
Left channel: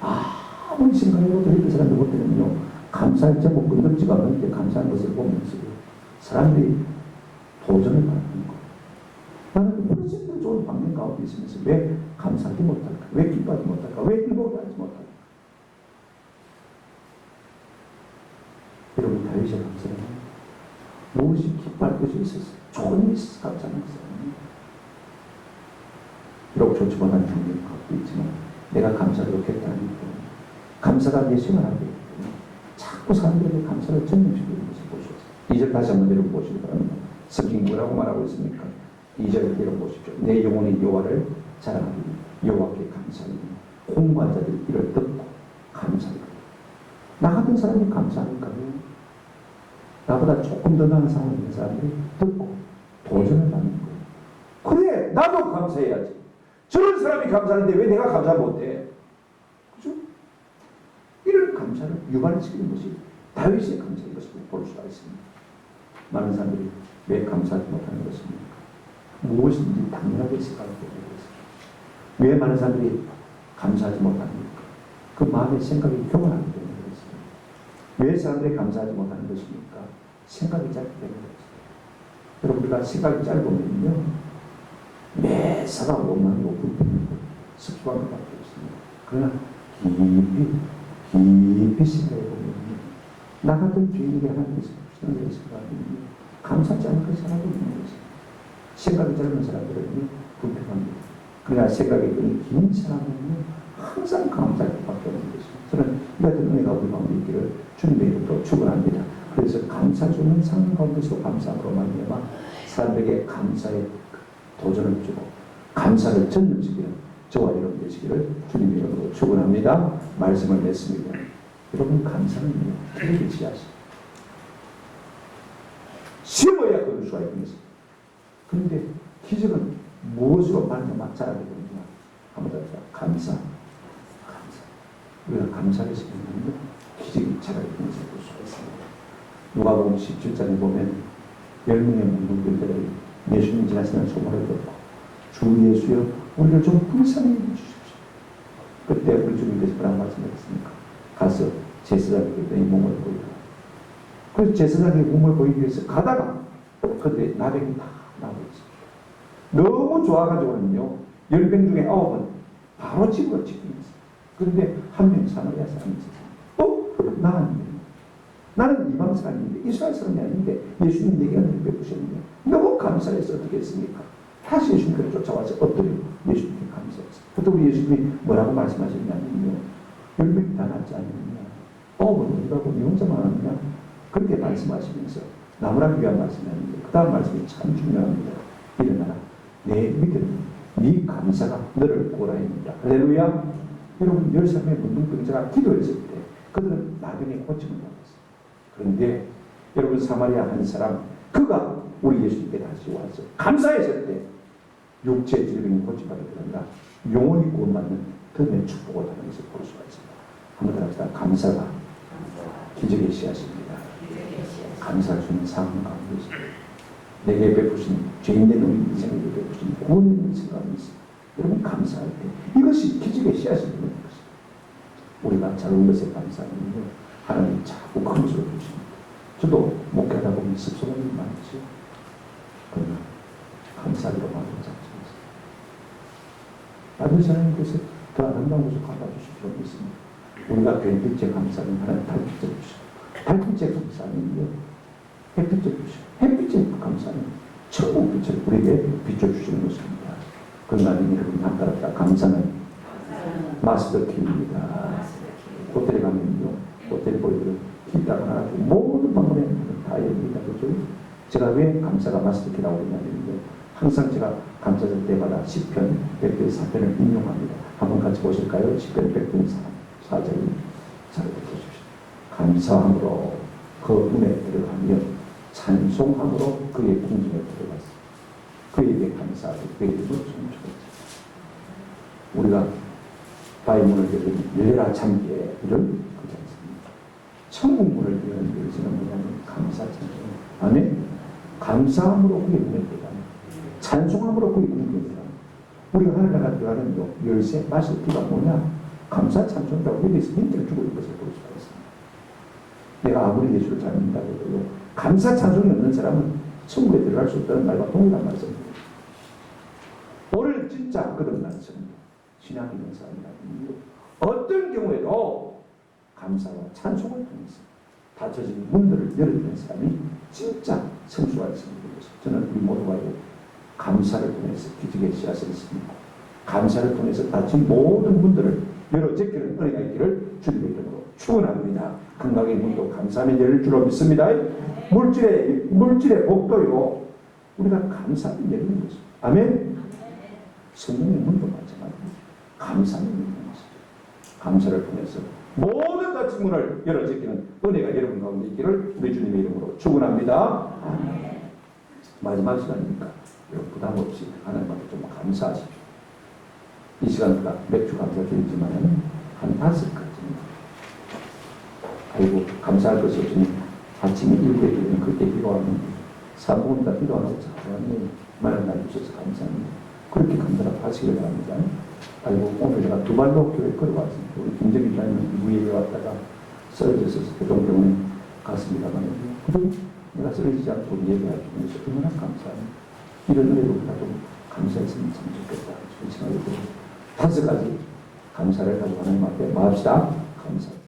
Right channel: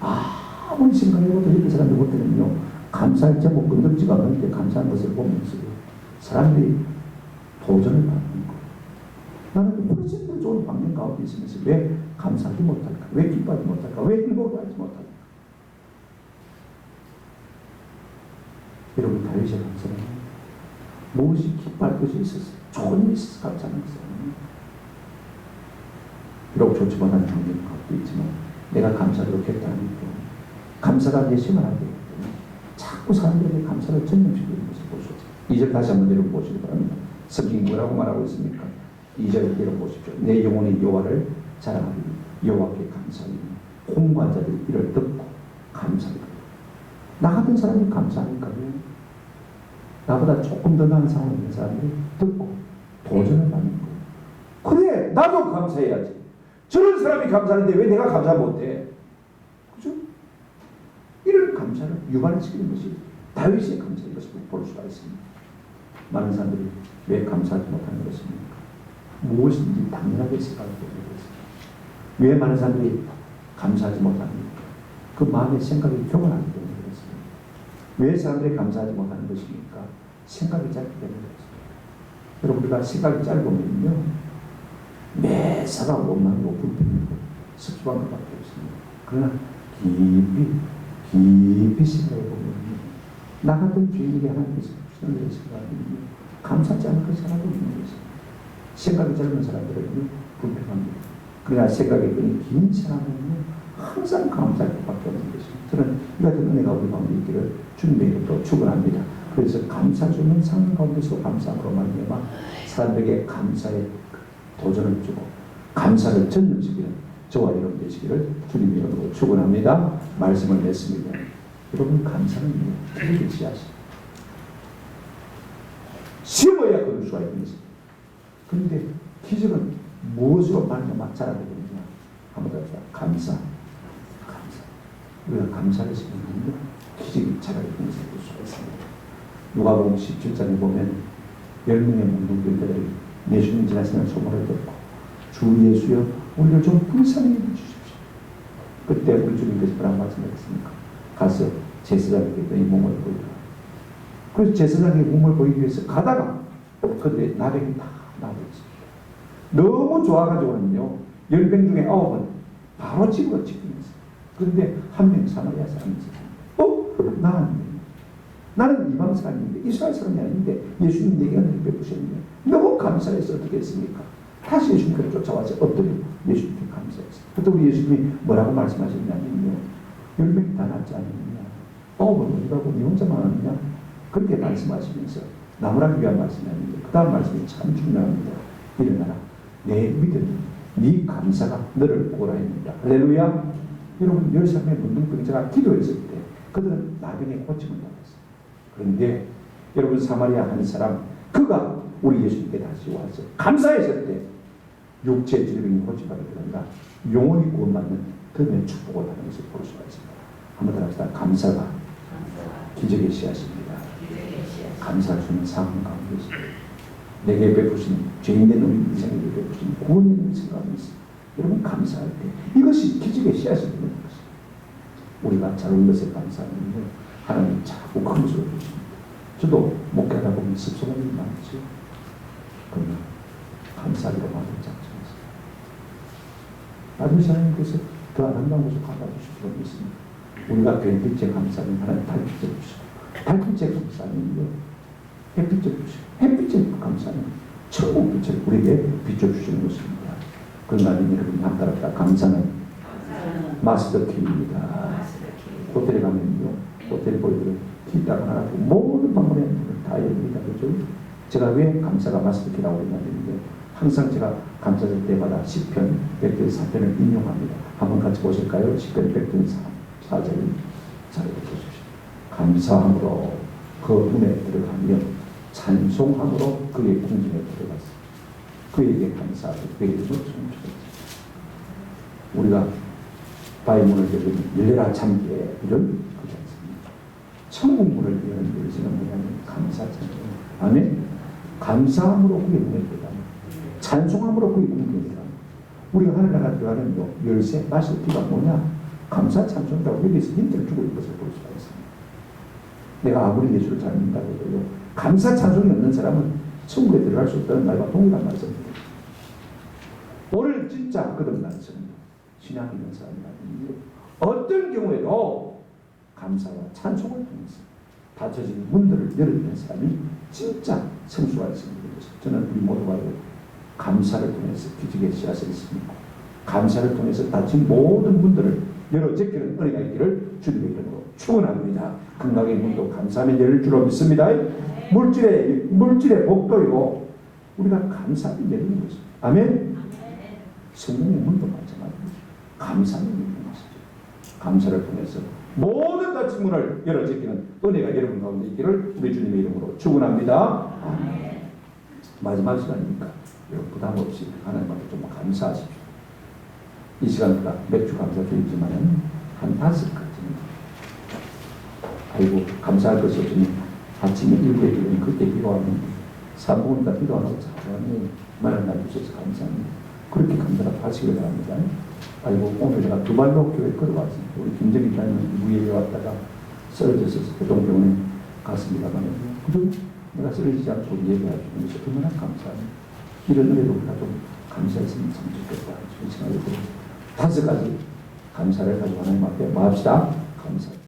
아무리 생각해도 이런 사람들 볼 때는요, 감사할 때 뭐 건들지가 않을 때 감사한 것을 보면서요, 사람들이 도전을 받는 거예요. 나는 훨씬 더 좋은 환경 가운데 있으면서 왜 감사하지 못할까? 왜 기뻐하지 못할까? 왜 행복하지 못할까? 여러분 다윗의 감사는 무엇이 기뻐할 것이 있었어요? 좋은 일이 있어서 감사하는 것은 비록 좋지 못한 환경을 갖고 있지만 내가 감사를 했다는 것, 감사가 내 생활하게 되기 때문에 자꾸 사람들에게 감사를 전념시키는 것을 볼 수 있어요. 2절 다시 한번 내려보시기 바랍니다. 성경이 뭐라고 말하고 있습니까? 2절 내려보십시오. 내 영혼이 여호와를 자랑하리. 여호와께 감사하리. 공부한 자들이 이를 듣고 감사하리. 나 같은 사람이 감사하니까 나보다 조금 더 나은 상황에 있는 사람들이 듣고 도전을 받는 거예요. 그래, 나도 감사해야지. 저런 사람이 감사하는데 왜 내가 감사 못해? 그죠? 이런 감사를 유발시키는 것이 다윗의 감사인 것을 볼 수가 있습니다. 많은 사람들이 왜 감사하지 못하는 것입니까? 무엇인지 당연하게 생각하고 있습니다. 왜 많은 사람들이 감사하지 못합니까? 그 마음의 생각이 교만하기 때문에 그렇습니다. 왜 사람들이 감사하지 못하는 것입니까? 생각이 짧기 때문에 그렇습니다. 여러분, 우리가 생각이 짧으면요, 매사가 원망이고 불평이고 습관한 것밖에 없습니다. 그러나 깊이 생각해 보면 나 같은 죄인에게 하나님께서 주시는 것을 생각하면 감사하지 않을 것이 하나도 없는 것입니다. 생각이 짧은 사람들은 불평합니다. 그러나 생각이 긴 사람은 항상 감사할 것밖에 없는 것입니다. 저는 이 같은 은혜가 우리 가운데 있기를 주님의 이름으로 축원합니다. 그래서 감사 주는 상황 가운데서 감사함으로 말미암아 사람들에게 감사의 도전을 주고 감사를 전념시키는 저와 여러분 되시기를 주님의 이름으로 축원합니다. 말씀을 맺습니다. 여러분, 감사는요, 기적의 씨앗입니다. 심어야 거둘 수가 있는 것입니다. 그런데 기적은 무엇으로 말미암아 자라게 되느냐? 한번 더 감사. 우리가 감사를 심으면 기적이 자라게 되는 것을 볼 수가 있습니다. 누가복음 17장에 보면 10명의 문둥병들이 예수님 지나시는 소문을 듣고 주 예수여 우리를 좀 불쌍히 여겨주십시오. 그때 우리 주님께서 뭐라고 말씀하셨습니까? 가서 제사장에게 이 몸을 보이라. 그래서 제사장에게 몸을 보이기 위해서 가다가 그때 나병이 다 나고 있습니다. 너무 좋아가지고는요 10명 중에 9은 바로 집으로 집행했어요. 그런데 한 명 사마리아 사람이 있었어요. 나는 이방 사람인데 이스라엘 사람이 아닌데 예수님 내게 은혜를 베푸셨는데 너무 감사해서 어떻게 했습니까? 다시 예수님께로 쫓아와서 엎드리고 예수님께 감사했어요. 그때 우리 예수님이 뭐라고 말씀하셨냐면요, 10명이 다 낫지 않느냐, 9은 어디 가고 네 혼자만 왔느냐, 그렇게 말씀하시면서 나무라기 위한 말씀이었는데 그 다음 말씀이 참 중요합니다. 일어나라, 내 믿음, 네 감사가 너를 구원하였느니라. 할렐루야. 여러분, 10사람의 문둥병자가 기도했을 때 그들은 나중에 고침을 받았어요. 그런데 여러분, 사마리아 한 사람, 그가 우리 예수님께 다시 와서 감사했을 때 육체 질병이 고침받을 게 아니라 영혼이 구원받는 그런 축복을 받는 것을 볼 수가 있습니다. 한번 더 합시다. 감사가 기적의 씨앗입니다. 감사할 수 있는 상황 가운데서 내게 베푸신 죄인된 우리 인생에게 베푸신 구원의 인생 가운데서 여러분, 감사할 때 이것이 기적의 씨앗이 되는 것입니다. 우리가 작은 것에 감사하면요 하나님 자꾸 큰 것으로 주십니다. 저도 목회하다 보면 습성한 일이 많죠. 그러나 감사하기로 만든 작정이었습니다. 나중에 하나님께서 더 아름다운 것을 갚아주실 필요가 있습니다. 우리가 별빛에 감사하면 하나님 달빛에 주시고, 달빛에 감사하면요 햇빛에 주시고, 햇빛에 감사하면 천국빛을 우리에게 비춰주시는 것입니다. 그러나 여러분, 한따라 감사는 마스터키입니다. 호텔에 가면요 호텔 보이들은 키 딱 하나 가지고 모든 방문에 다 엽니다. 그죠? 제가 왜 감사가 마스터키라고 그러냐면요, 항상 제가 감사절 때마다 시편 100편 4편을 인용합니다. 한번 같이 보실까요? 시편 100편 4절 잘 보십시오. 감사함으로 그 문에 들어가며 찬송함으로 그의 궁전에 들어갔습니다. 그에게 감사하고 그의 이름을 송축했습니다. 우리가 바위 문을 열면 열려라 참기에 이런 그렇지 않습니까? 천국 문을 여는 열쇠는 뭐냐면 감사 찬송. 아멘. 감사함으로 그의 문에 들어가며 찬송함으로 그의 궁전에 들어가며 우리가 하늘나라 들어가는 열쇠 마실 기가 뭐냐? 감사 찬송이라고 여기서 힌트를 주고 있는 것을 볼 수가 있습니다. 내가 아무리 예수를 잘 믿는다고 해도 감사 찬송이 없는 사람은 천국에 들어갈 수 없다는 말과 동일한 말씀입니다. 오늘 진짜 거듭난 성도, 신앙 있는 사람이라면 어떤 경우에도 감사와 찬송을 통해서 닫혀진 문들을 열어주는 사람이 진짜 성수가 있습니다. 저는 우리 모두가 감사를 통해서 기적의 씨앗을 있습니다. 감사를 통해서 닫힌 모든 문들을 열어 제끼는 은혜가 있기를 주님의 이름으로 축원합니다. 건강의 문도 감사하며 열릴 줄로 믿습니다. 물질의 복도요 우리가 감사하며 열리는 것입니다. 아멘. 성령의 문도 마찬가지입니다. 감사하며 열리는 것입니다. 감사를 통해서 모든 닫힌 문을 열어 제끼는 은혜가 여러분 가운데 있기를 우리 주님의 이름으로 축원합니다. 아멘. 마지막 시간이니까 여러분 부담 없이 하나님 앞에 좀 감사하십시오. 이 시간보다 맥주 감사주이지만 한 5가지입니다. 아이고 감사할 것이 없으니 아침에 7에 기도는 그때 비가 왔는데 3분은 다 비가 안 오고 하나님 말을 날주셔서 감사합니다. 그렇게 감사를 하시길 바랍니다. 아이고 오늘 제가 2발로 교회 걸어왔습니다. 우리 김정일 장님 무예에 왔다가 쓰러져서 교동병원에 갔습니다만 그래도 내가 쓰러지지 않고 예배할 수 있는 것이 얼마나 감사합니다. 이런 은혜도 우리가 좀 감사했으면 참 좋겠다. 그런 생각이 들어요. 5가지 감사를 가지고 하나님 앞에 마합시다. 감사.